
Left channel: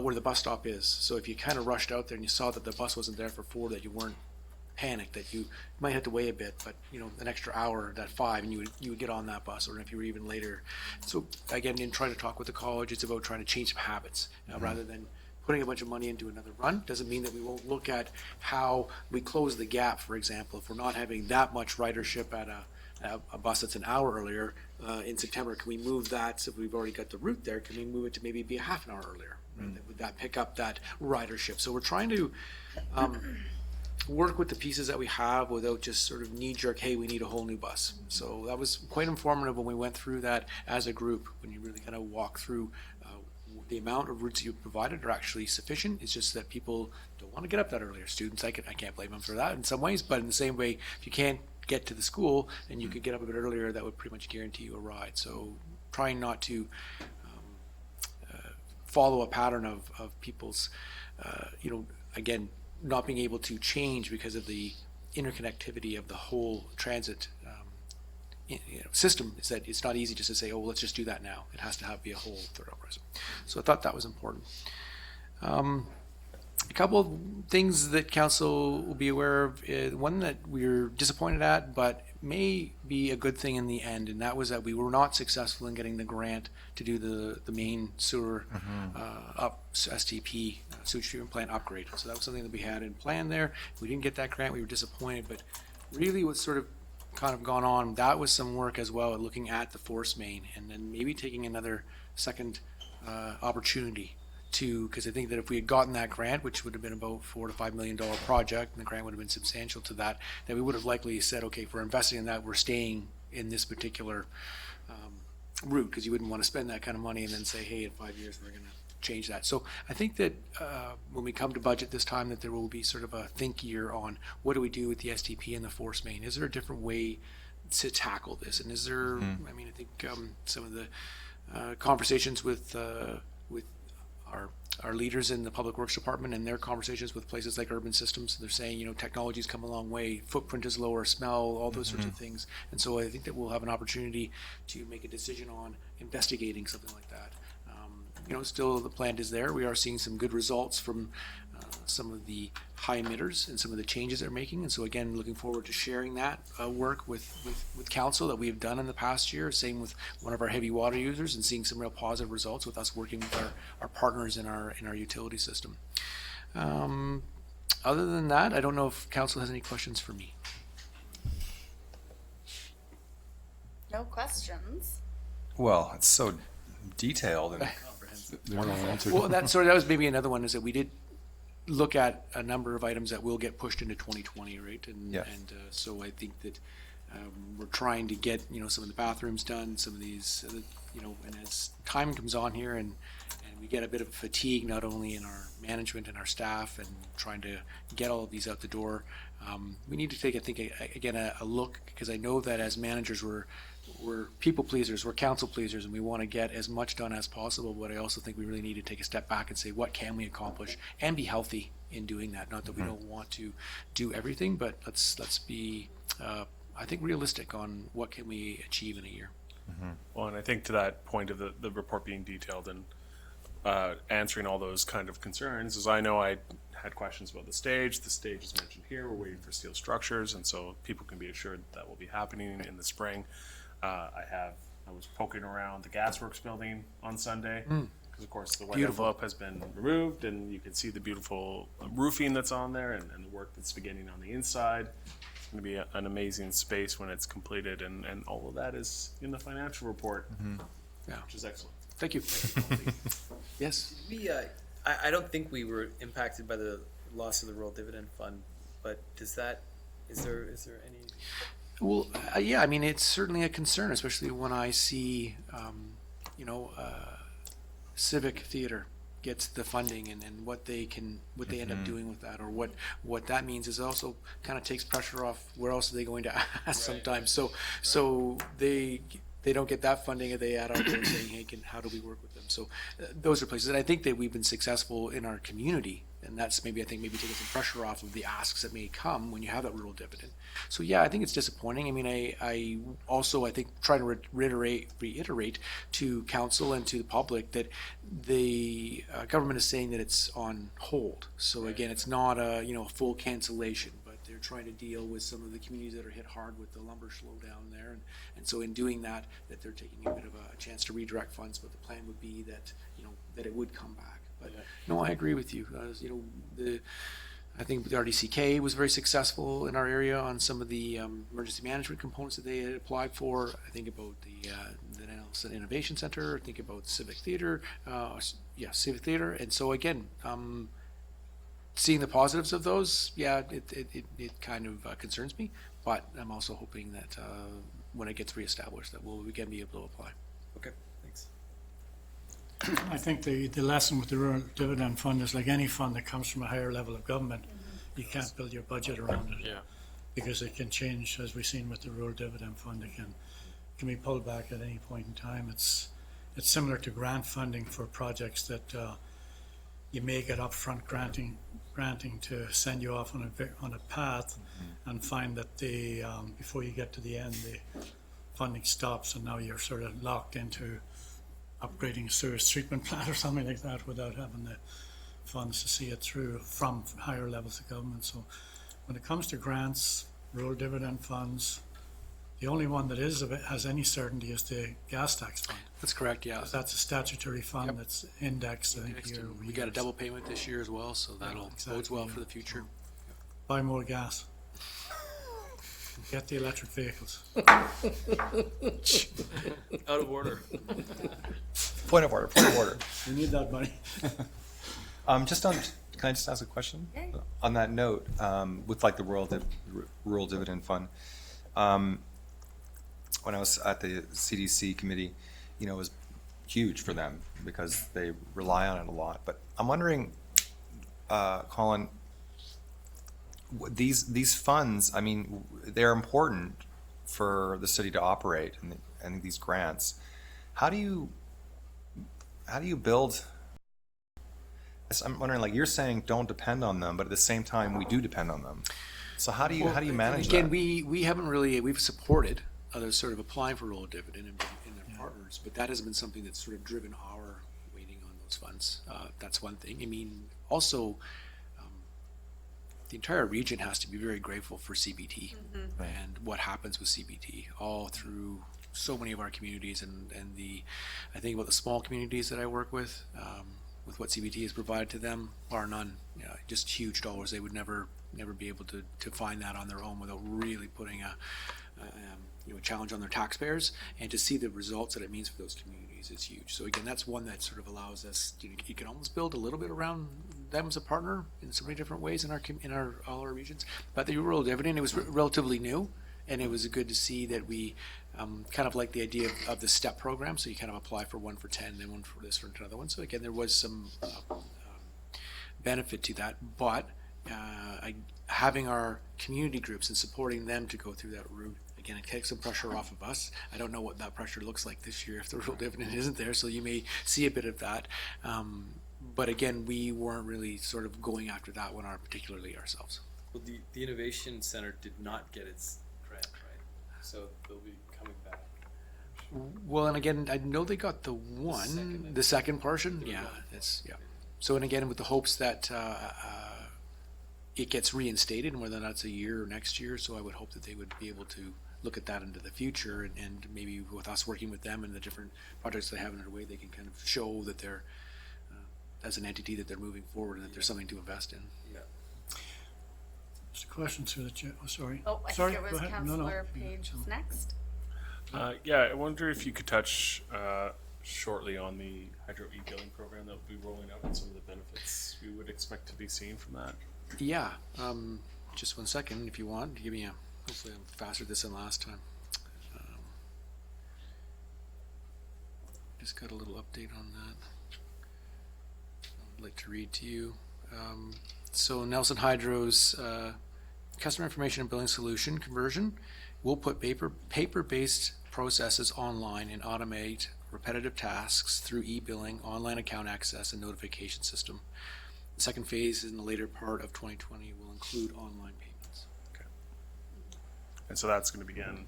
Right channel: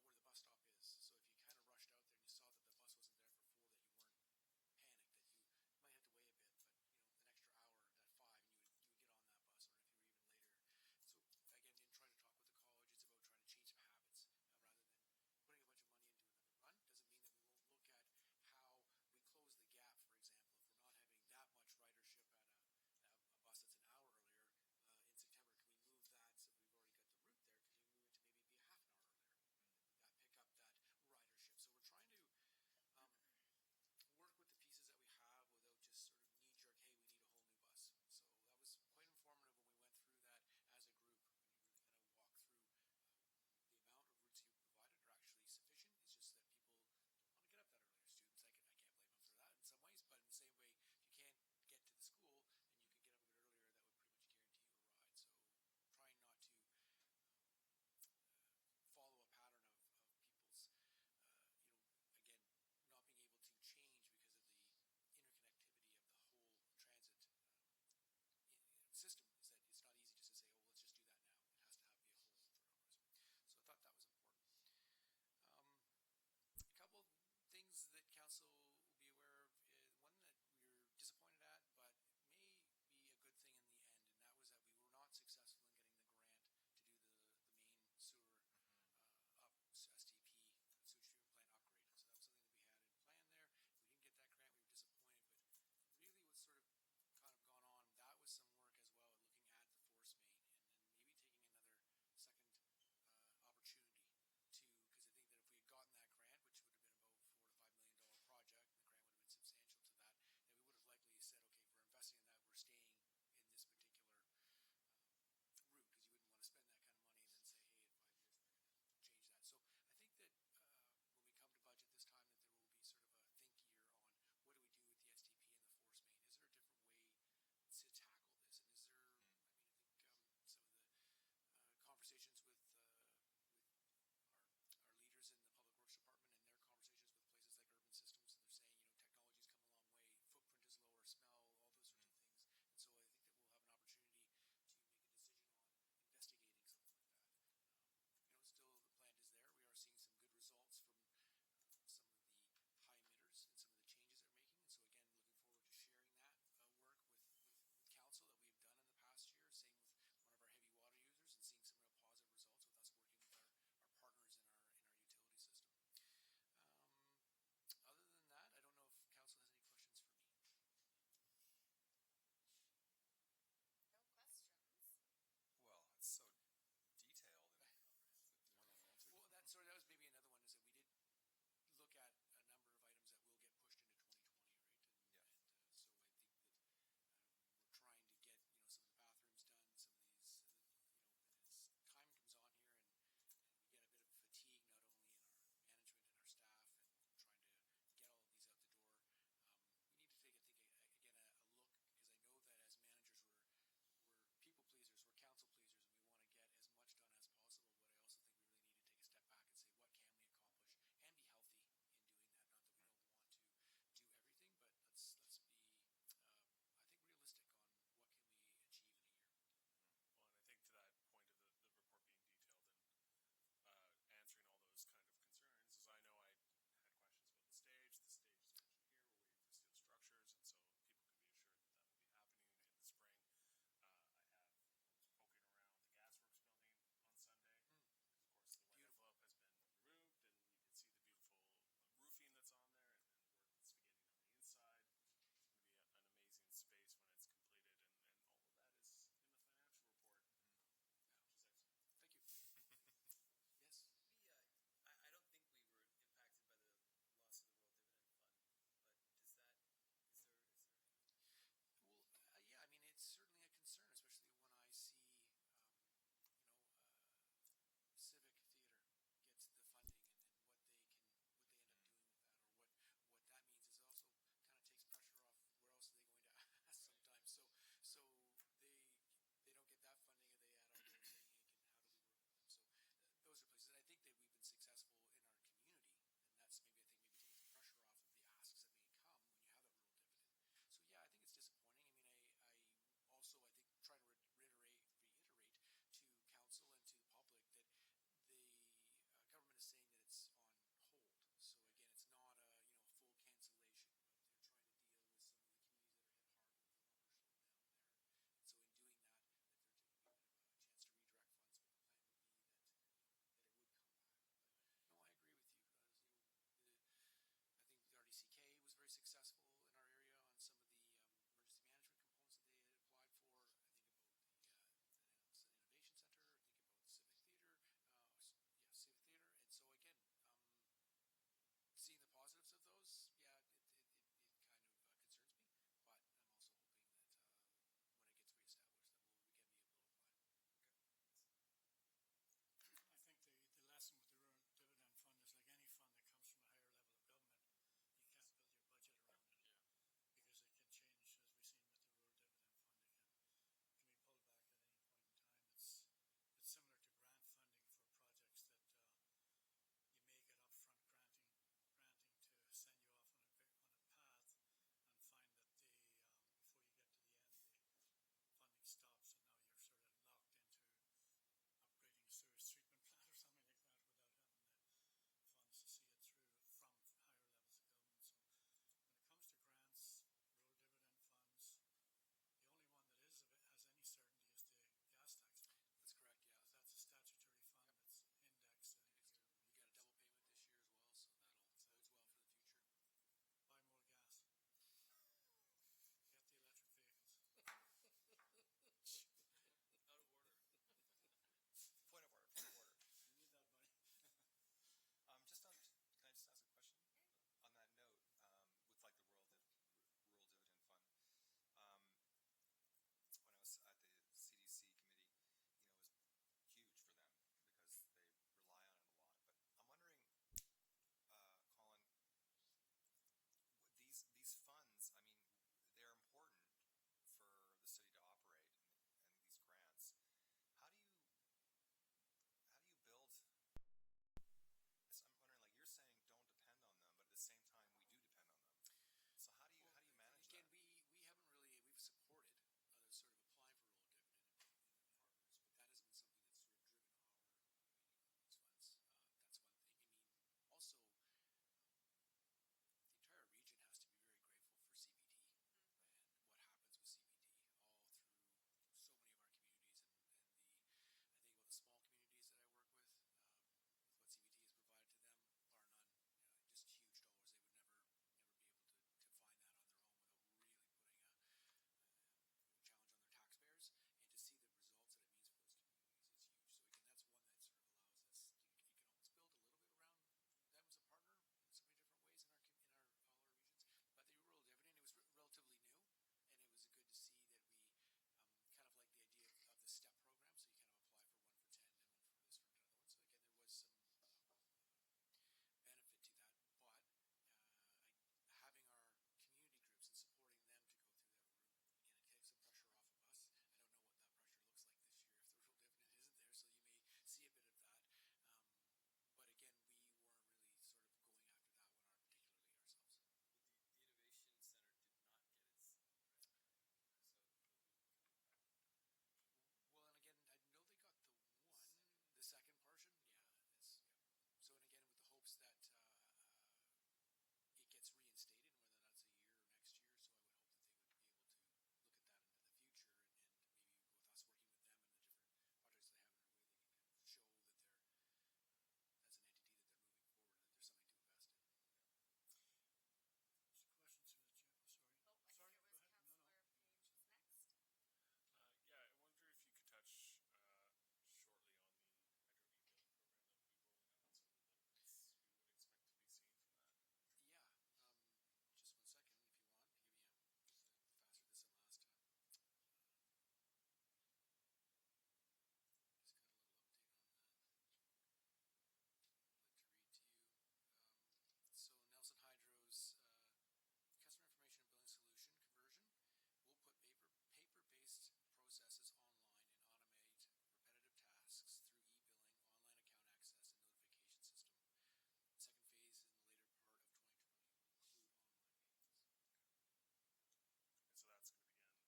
where the bus stop is. So if you kind of rushed out there and you saw that the bus wasn't there for 4, that you weren't panicked, that you might have to wait a bit, but an extra hour at 5 and you would get on that bus, or if you were even later. So again, in trying to talk with the college, it's about trying to change some habits rather than putting a bunch of money into another run. Doesn't mean that we won't look at how we close the gap. For example, if we're not having that much ridership at a bus that's an hour earlier in September, can we move that? So if we've already got the route there, can we move it to maybe be a half an hour earlier? Right? Would that pick up that ridership? So we're trying to work with the pieces that we have without just sort of knee-jerk, hey, we need a whole new bus. So that was quite informative when we went through that as a group, when you really kind of walk through the amount of routes you provided are actually sufficient. It's just that people don't want to get up that earlier. Students, I can't blame them for that in some ways, but in the same way, if you can't get to the school and you could get up a bit earlier, that would pretty much guarantee you a ride. So trying not to follow a pattern of people's, again, not being able to change because of the interconnectivity of the whole transit system, is that it's not easy just to say, oh, let's just do that now. It has to be a whole third uprise. So I thought that was important. A couple of things that council will be aware of. One that we're disappointed at, but may be a good thing in the end, and that was that we were not successful in getting the grant to do the main sewer STP, sewage treatment plant upgrade. So that was something that we had in plan there. We didn't get that grant. We were disappointed, but really what's sort of kind of gone on, that was some work as well at looking at the force main and then maybe taking another second opportunity to, because I think that if we had gotten that grant, which would have been about $4 to $5 million project, and the grant would have been substantial to that, then we would have likely said, okay, if we're investing in that, we're staying in this particular route, because you wouldn't want to spend that kind of money and then say, hey, in 5 years we're going to change that. So I think that when we come to budget this time, that there will be sort of a think year on what do we do with the STP and the force main. Is there a different way to tackle this? And is there, I mean, I think some of the conversations with our leaders in the Public Works Department and their conversations with places like Urban Systems, they're saying, technology's come a long way, footprint is lower, smell, all those sorts of things. And so I think that we'll have an opportunity to make a decision on investigating something like that. Still the plant is there. We are seeing some good results from some of the high emitters and some of the changes they're making. And so again, looking forward to sharing that work with council that we have done in the past year. Same with one of our heavy water users, and seeing some real positive results with us working with our partners in our utility system. Other than that, I don't know if council has any questions for me. No questions. Well, it's so detailed and Well, that was maybe another one, is that we did look at a number of items that will get pushed into 2020, right? And so I think that we're trying to get some of the bathrooms done, some of these, and as time comes on here and we get a bit of fatigue, not only in our management and our staff, and trying to get all of these out the door, we need to take, I think, again, a look, because I know that as managers we're people pleasers, we're council pleasers, and we want to get as much done as possible. But I also think we really need to take a step back and say, what can we accomplish, and be healthy in doing that. Not that we don't want to do everything, but let's be, I think, realistic on what can we achieve in a year. Well, and I think to that point of the report being detailed and answering all those kind of concerns, as I know I had questions about the stage. The stage is mentioned here. We're waiting for steel structures, and so people can be assured that will be happening in the spring. I was poking around the Gasworks building on Sunday, because of course the white envelope has been removed, and you can see the beautiful roofing that's on there, and the work that's beginning on the inside. It's going to be an amazing space when it's completed, and all of that is in the financial report, which is excellent. Thank you. Yes. I don't think we were impacted by the loss of the rural dividend fund, but is there any? Well, yeah, I mean, it's certainly a concern, especially when I see, Civic Theater gets the funding, and what they end up doing with that, or what that means is also kind of takes pressure off where else are they going to ask sometimes. So they don't get that funding, and they add on to saying, hey, how do we work with them? So those are places, and I think that we've been successful in our community, and that's maybe, I think, maybe taking some pressure off of the asks that may come when you have that rural dividend. So yeah, I think it's disappointing. I mean, I also, I think, trying to reiterate to council and to the public that the government is saying that it's on hold. So again, it's not a, you know, a full cancellation, but they're trying to deal with some of the communities that are hit hard with the lumber slowdown there. And so in doing that, that they're taking a bit of a chance to redirect funds, but the plan would be that, you know, that it would come back. But no, I agree with you. You know, I think the RDCK was very successful in our area on some of the emergency management components that they had applied for. I think about the Nelson Innovation Center. I think about Civic Theater. Civic Theater. And so again, seeing the positives of those, yeah, it kind of concerns me. But I'm also hoping that when it gets reestablished, that we can be able to apply. Okay, thanks. I think the lesson with the rural dividend fund is like any fund that comes from a higher level of government, you can't build your budget around it. Yeah. Because it can change, as we've seen with the rural dividend fund, it can be pulled back at any point in time. It's similar to grant funding for projects that you may get upfront granting to send you off on a path, and find that before you get to the end, the funding stops, and now you're sort of locked into upgrading a sewage treatment plant or something like that without having the funds to see it through from higher levels of government. So when it comes to grants, rural dividend funds, the only one that has any certainty is the gas tax fund. That's correct, yeah. That's a statutory fund that's indexed, I think, Next, year over we year. got a double payment this year as well, so that'll bodes well for the future. Buy more gas. Get the electric vehicles. Out of order. Point of order. We need that money. Can I just ask a question? Yeah. On that note, with like the rural dividend fund, when I was at the CDC committee, you know, it was huge for them because they rely on it a lot. But I'm wondering, Colin, these funds, I mean, they're important for the city to operate, and these grants. How do you build? I'm wondering, like, you're saying don't depend on them, but at the same time we do depend on them. So how do you manage again, that? we haven't really, we've supported others sort of applying for rural dividend and their partners, but that hasn't been something that's sort of driven our weighting on those funds. That's one thing. I mean, also, the entire region has to be very grateful for CBT and what happens with CBT all through so many of our communities, and I think about the small communities that I work with what CBT has provided to them, bar none, you know, just huge dollars. They would never be able to find that on their own without really putting a challenge on their taxpayers, and to see the results that it means for those communities is huge. So again, that's one that sort of allows us, you can almost build a little bit around them as a partner in so many different ways in all our regions. But the rural dividend, it was relatively new, and it was good to see that we kind of like the idea of the STEP program. So you kind of apply for one for 10, then one for this, for another one. So again, there was some benefit to that, but having our community groups and supporting them to go through that route, again, it takes some pressure off of us. I don't know what that pressure looks like this year if the rural dividend isn't there, so you may see a bit of that. But again, we weren't really sort of going after that one particularly ourselves. Well, the Innovation Center did not get its grant, right? So they'll be coming back. Well, and again, I know they got the second portion. Yeah, So, and again, with the hopes that it gets reinstated, and whether that's a year or next year. So I would hope that they would be able to look at that into the future, and maybe with us working with them and the different projects they have in their way, they can kind of show that they're, as an entity, that they're moving forward and that there's something to invest in. Yeah. Just a question through the chair. Oh, sorry. Oh, I sorry, think it was Councillor Page was next. Yeah, I wonder if you could touch shortly on the hydro e-billing program that will be rolling out and some of the benefits we would expect to be seen from that. Yeah, just 1 second if you want. Give me hopefully I'm faster this than last time. Just got a little update on that I'd like to read to you. So Nelson Hydro's customer information and billing solution conversion will put paper-based processes online and automate repetitive tasks through e-billing, online account access, and notification system. The second phase in the later part of 2020 will include online payments. And so that's going to begin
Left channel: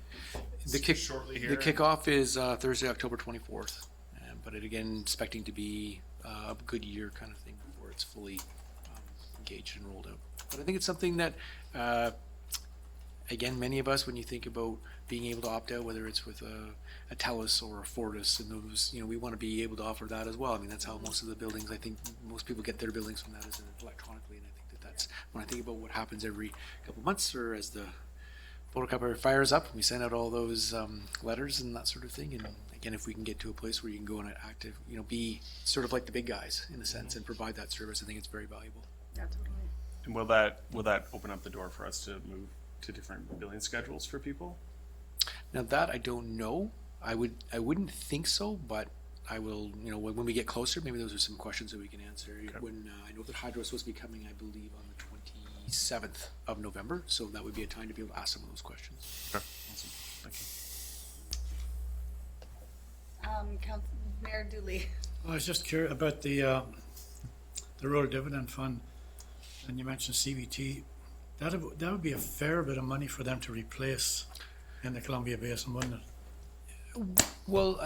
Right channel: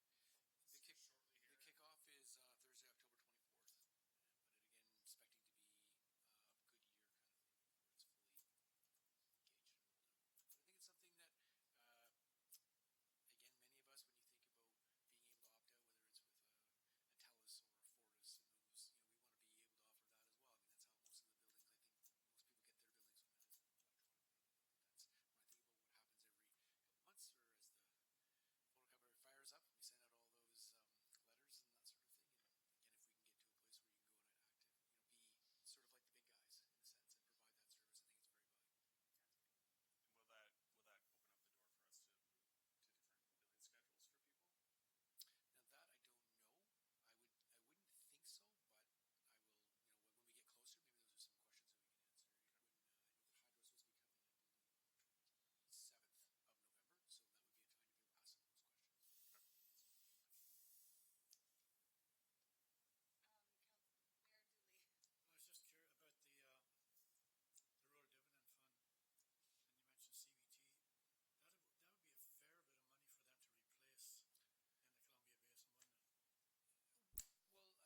shortly here. The kickoff is Thursday, October 24th, but it again expecting to be a good year kind of thing before it's fully engaged and rolled out. But I think it's something that, again, many of us, when you think about being able to opt out, whether it's with a TELUS or a Fortis, and those, we want to be able to offer that as well. I mean, that's how most of the buildings, I think, most people get their billings from that as electronically, and I think that's when I think about what happens every couple months or as the photocopier fires up, we send out all those letters and that sort of thing. And again, if we can get to a place where you can go in an active, be sort of like the big guys in a sense and provide that service, I think it's very valuable. Yeah, totally. And will that open up the door for us to move to different billing schedules for people? Now that I don't know. I wouldn't think so, but I will, when we get closer, maybe those are some questions that we can answer. Okay. When I know that Hydro is supposed to be coming, I believe, on the 27th of November, so that would be a time to be able to ask some of those questions. Okay, awesome. Thank you. Mayor Dooley. I was just curious about the rural dividend fund, and you mentioned CBT. That would be a fair bit of money for them to replace in the Columbia Basin, wouldn't it? Well,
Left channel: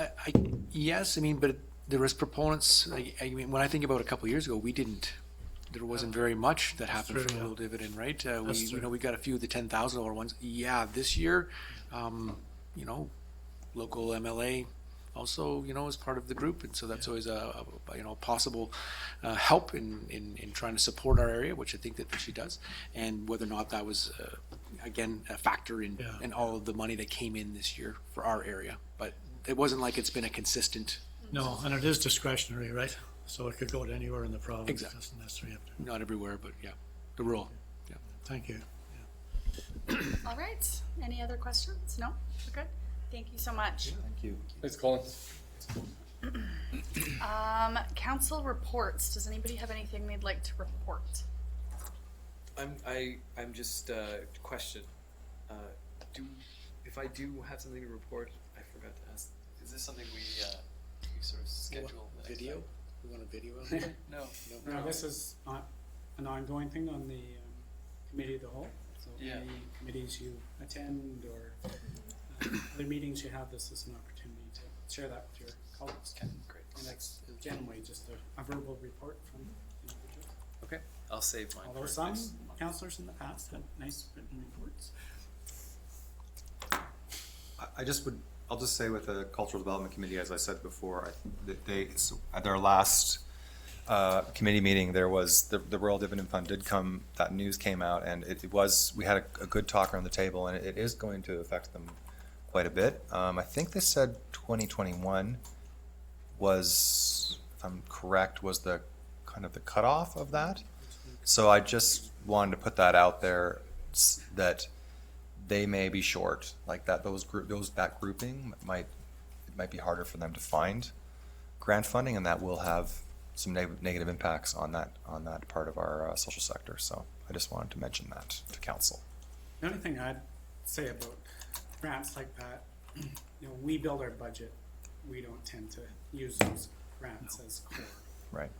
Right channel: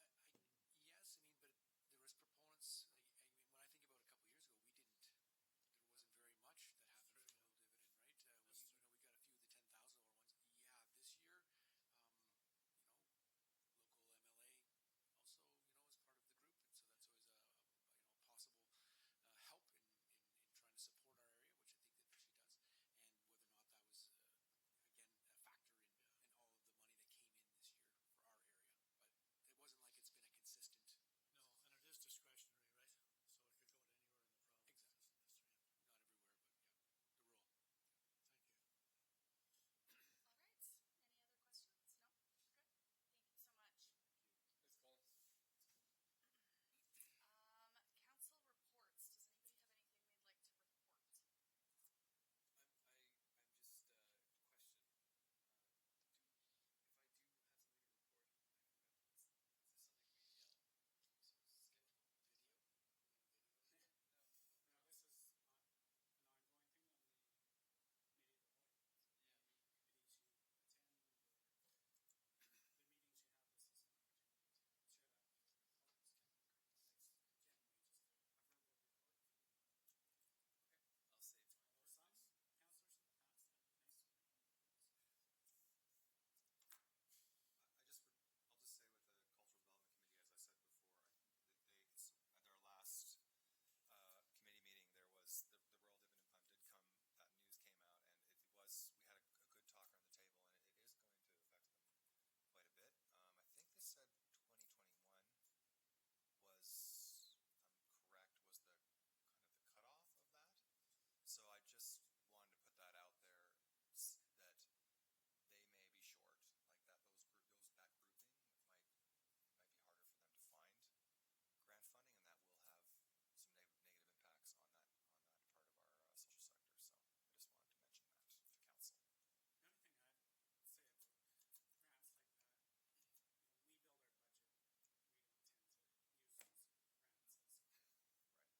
yes, but there was proponents. When I think about a couple of years ago, there wasn't very much that happened for the rural dividend, right? We got a few of the $10,000 ones. Yeah, this year, local MLA also, is part of the group, and so that's always a possible help in trying to support our area, which I think that she does, and whether or not that was again a factor in all of the money that came in this year for our area, but it wasn't like it's been a consistent. No, and it is discretionary, right? So it could go to anywhere in the province. Exactly. It doesn't necessarily have to. Not everywhere, but yeah, the rural. Yeah. Thank you. All right. Any other questions? No? We're good? Thank you so much. Thank you. Thanks, Colin. Council reports. Does anybody have anything they'd like to report? I'm just question. If I do have something to report, I forgot to ask. Is this something we sort of schedule? Video? We want a video of it? No. No, this is not an ongoing thing on the committee of the whole. So any committees you attend or other meetings you have, this is an opportunity to share that with your colleagues. Okay, great. And that's generally just a verbal report from individuals. Okay, I'll save mine. Although some councillors in the past had nice written reports. I'll just say with the Cultural Development Committee, as I said before, at their last committee meeting, there was the Rural Dividend Fund did come, that news came out, and we had a good talk around the table, and it is going to affect them quite a bit. I think they said 2021 was, if I'm correct, was the kind of the cutoff of that. So I just wanted to put that out there, that they may be short, like that. That grouping might be harder for them to find grant funding, and that will have some negative impacts on that part of our social sector. So I just wanted to mention that to council. The only thing I'd say about grants like that, we build our budget. We don't tend to use those grants as core. Right.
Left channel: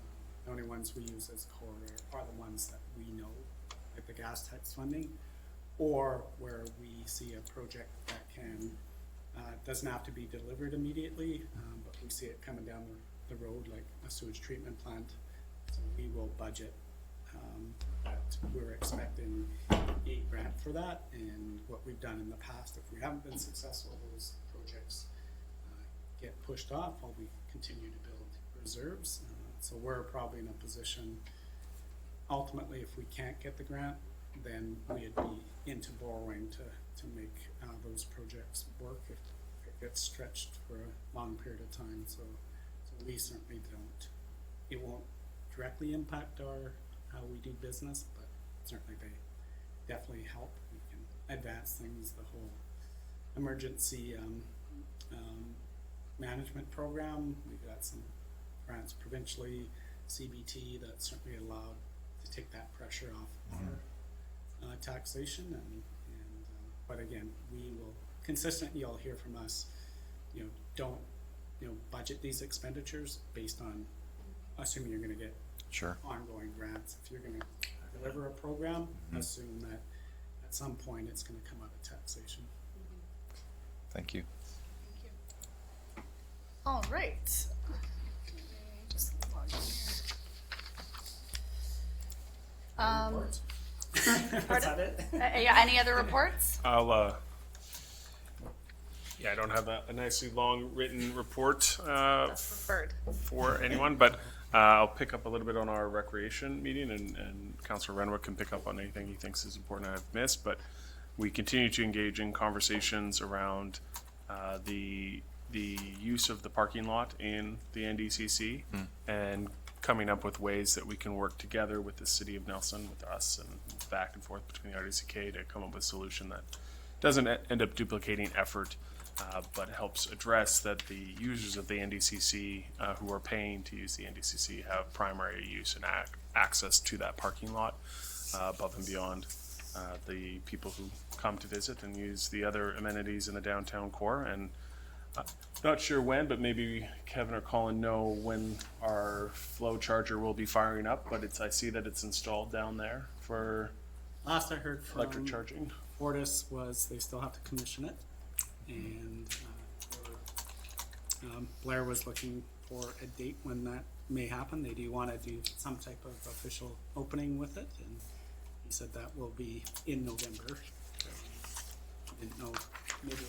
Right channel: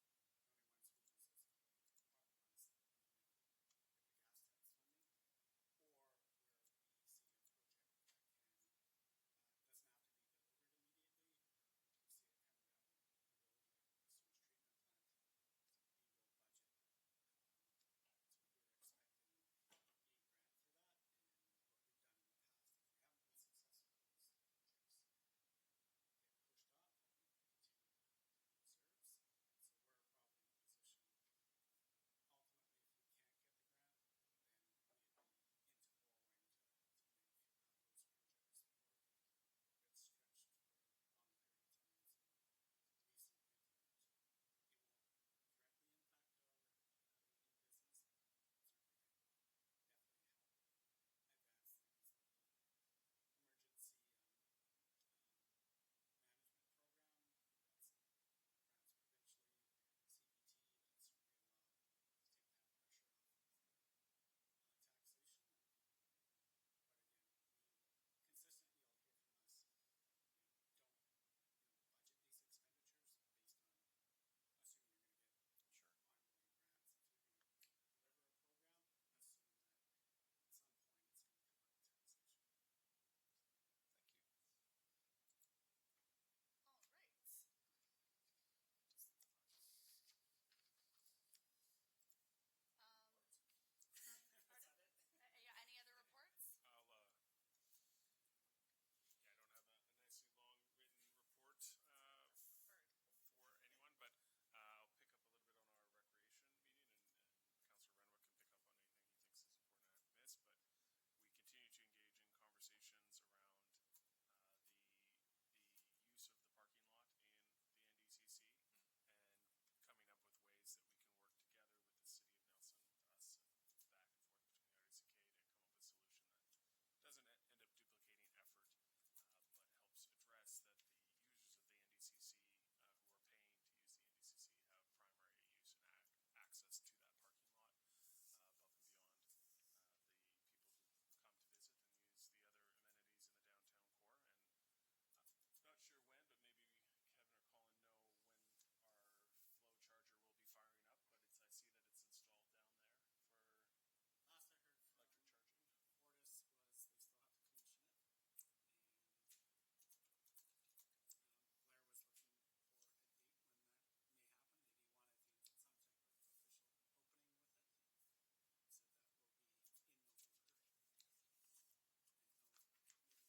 The only ones we use as core are the ones that we know, like the gas tax funding, or where we see a project that doesn't have to be delivered immediately, but we see it coming down the road, like a sewage treatment plant. So we will budget that we're expecting a grant for that, and what we've done in the past, if we haven't been successful, those projects get pushed off while we continue to build reserves. So we're probably in a position, ultimately, if we can't get the grant, then we'd be into borrowing to make those projects work if it gets stretched for a long period of time. So we certainly don't. It won't directly impact how we do business, but certainly they definitely help. We can advance things. The whole emergency management program, we've got some grants provincially, CBT, that certainly allowed to take that pressure off our taxation, but again, we will consistently, you'll hear from us, don't budget these expenditures based on assuming you're gonna get Sure. ongoing grants. If you're gonna deliver a program, assume that at some point it's gonna come out of taxation. Thank you. All right. Just log in here. Pardon? Yeah, any other reports? I'll, yeah, I don't have a nicely long written report Preferred. for anyone, but I'll pick up a little bit on our recreation meeting, and Councillor Renwick can pick up on anything he thinks is important I've missed, but we continue to engage in conversations around the use of the parking lot in the NDCC and coming up with ways that we can work together with the City of Nelson, with us, and back and forth between the RDCK to come up with a solution that doesn't end up duplicating effort, but helps address that the users of the NDCC who are paying to use the NDCC have primary use and access to that parking lot above and beyond the people who come to visit and use the other amenities in the downtown core. And not sure when, but maybe Kevin or Colin know when our flow charger will be firing up, but I see that it's installed down there for Last I heard from electric charging. Fortis was they still have to commission it, and Blair was looking for a date when that may happen. They do want to do some type of official opening with it, and he said that will be in November. Didn't know, maybe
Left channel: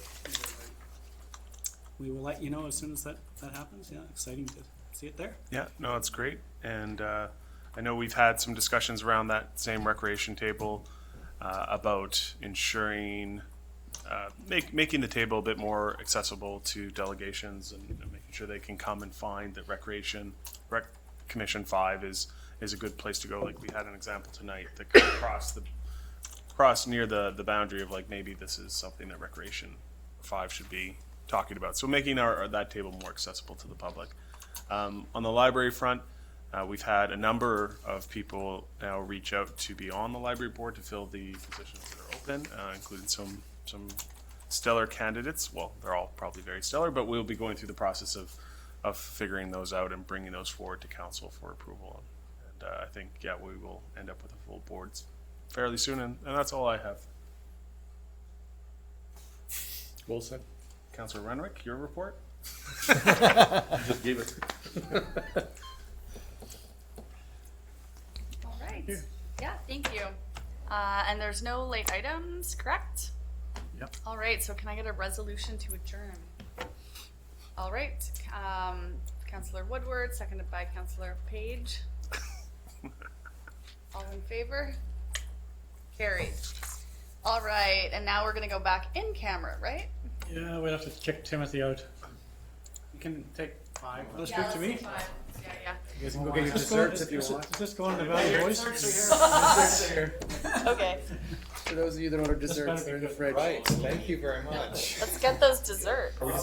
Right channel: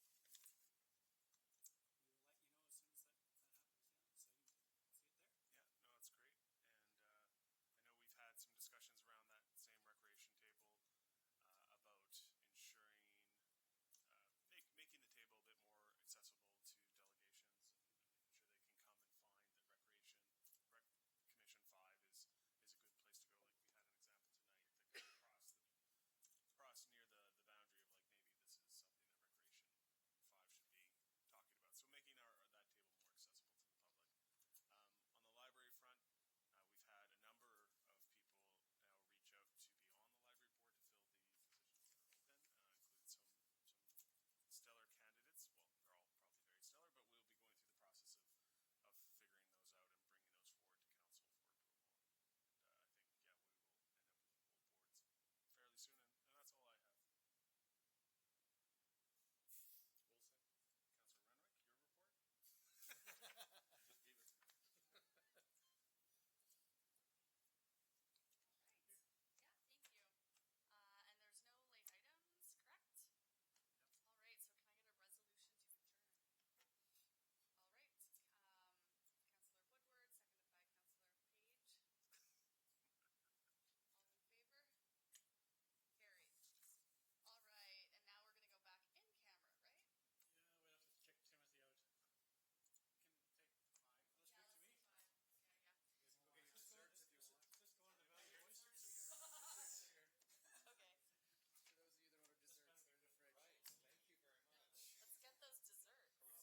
we will let you know as soon as that happens. Yeah, exciting to see it there. Yeah, no, it's great. And I know we've had some discussions around that same recreation table about ensuring, making the table a bit more accessible to delegations and making sure they can come and find that Rec Commission 5 is a good place to go. Like we had an example tonight that could cross near the boundary of like maybe this is something that Recreation 5 should be talking about. So making that table more accessible to the public. On the library front, we've had a number of people now reach out to be on the library board to fill the positions that are open, including some stellar candidates. Well, they're all probably very stellar, but we'll be going through the process of figuring those out and bringing those forward to council for approval. And I think, yeah, we will end up with a full board fairly soon, and that's all I have. Well said. Councillor Renwick, your report? Just gave it. All right. Yeah, thank you. And there's no late items, correct? Yep. All right, so can I get a resolution to adjourn? All right, Councillor Woodward, seconded by Councillor Page. All in favor? Carried. All right, and now we're gonna go back in camera, right? Yeah, we'll have to kick Timothy out. You can take 5. Let's speak to me. Yeah. You guys can go get your desserts if you want. Is this going to Valley Boys? Okay, For those of you that order desserts, they're in the fridge. Right, thank you very much. let's get those desserts.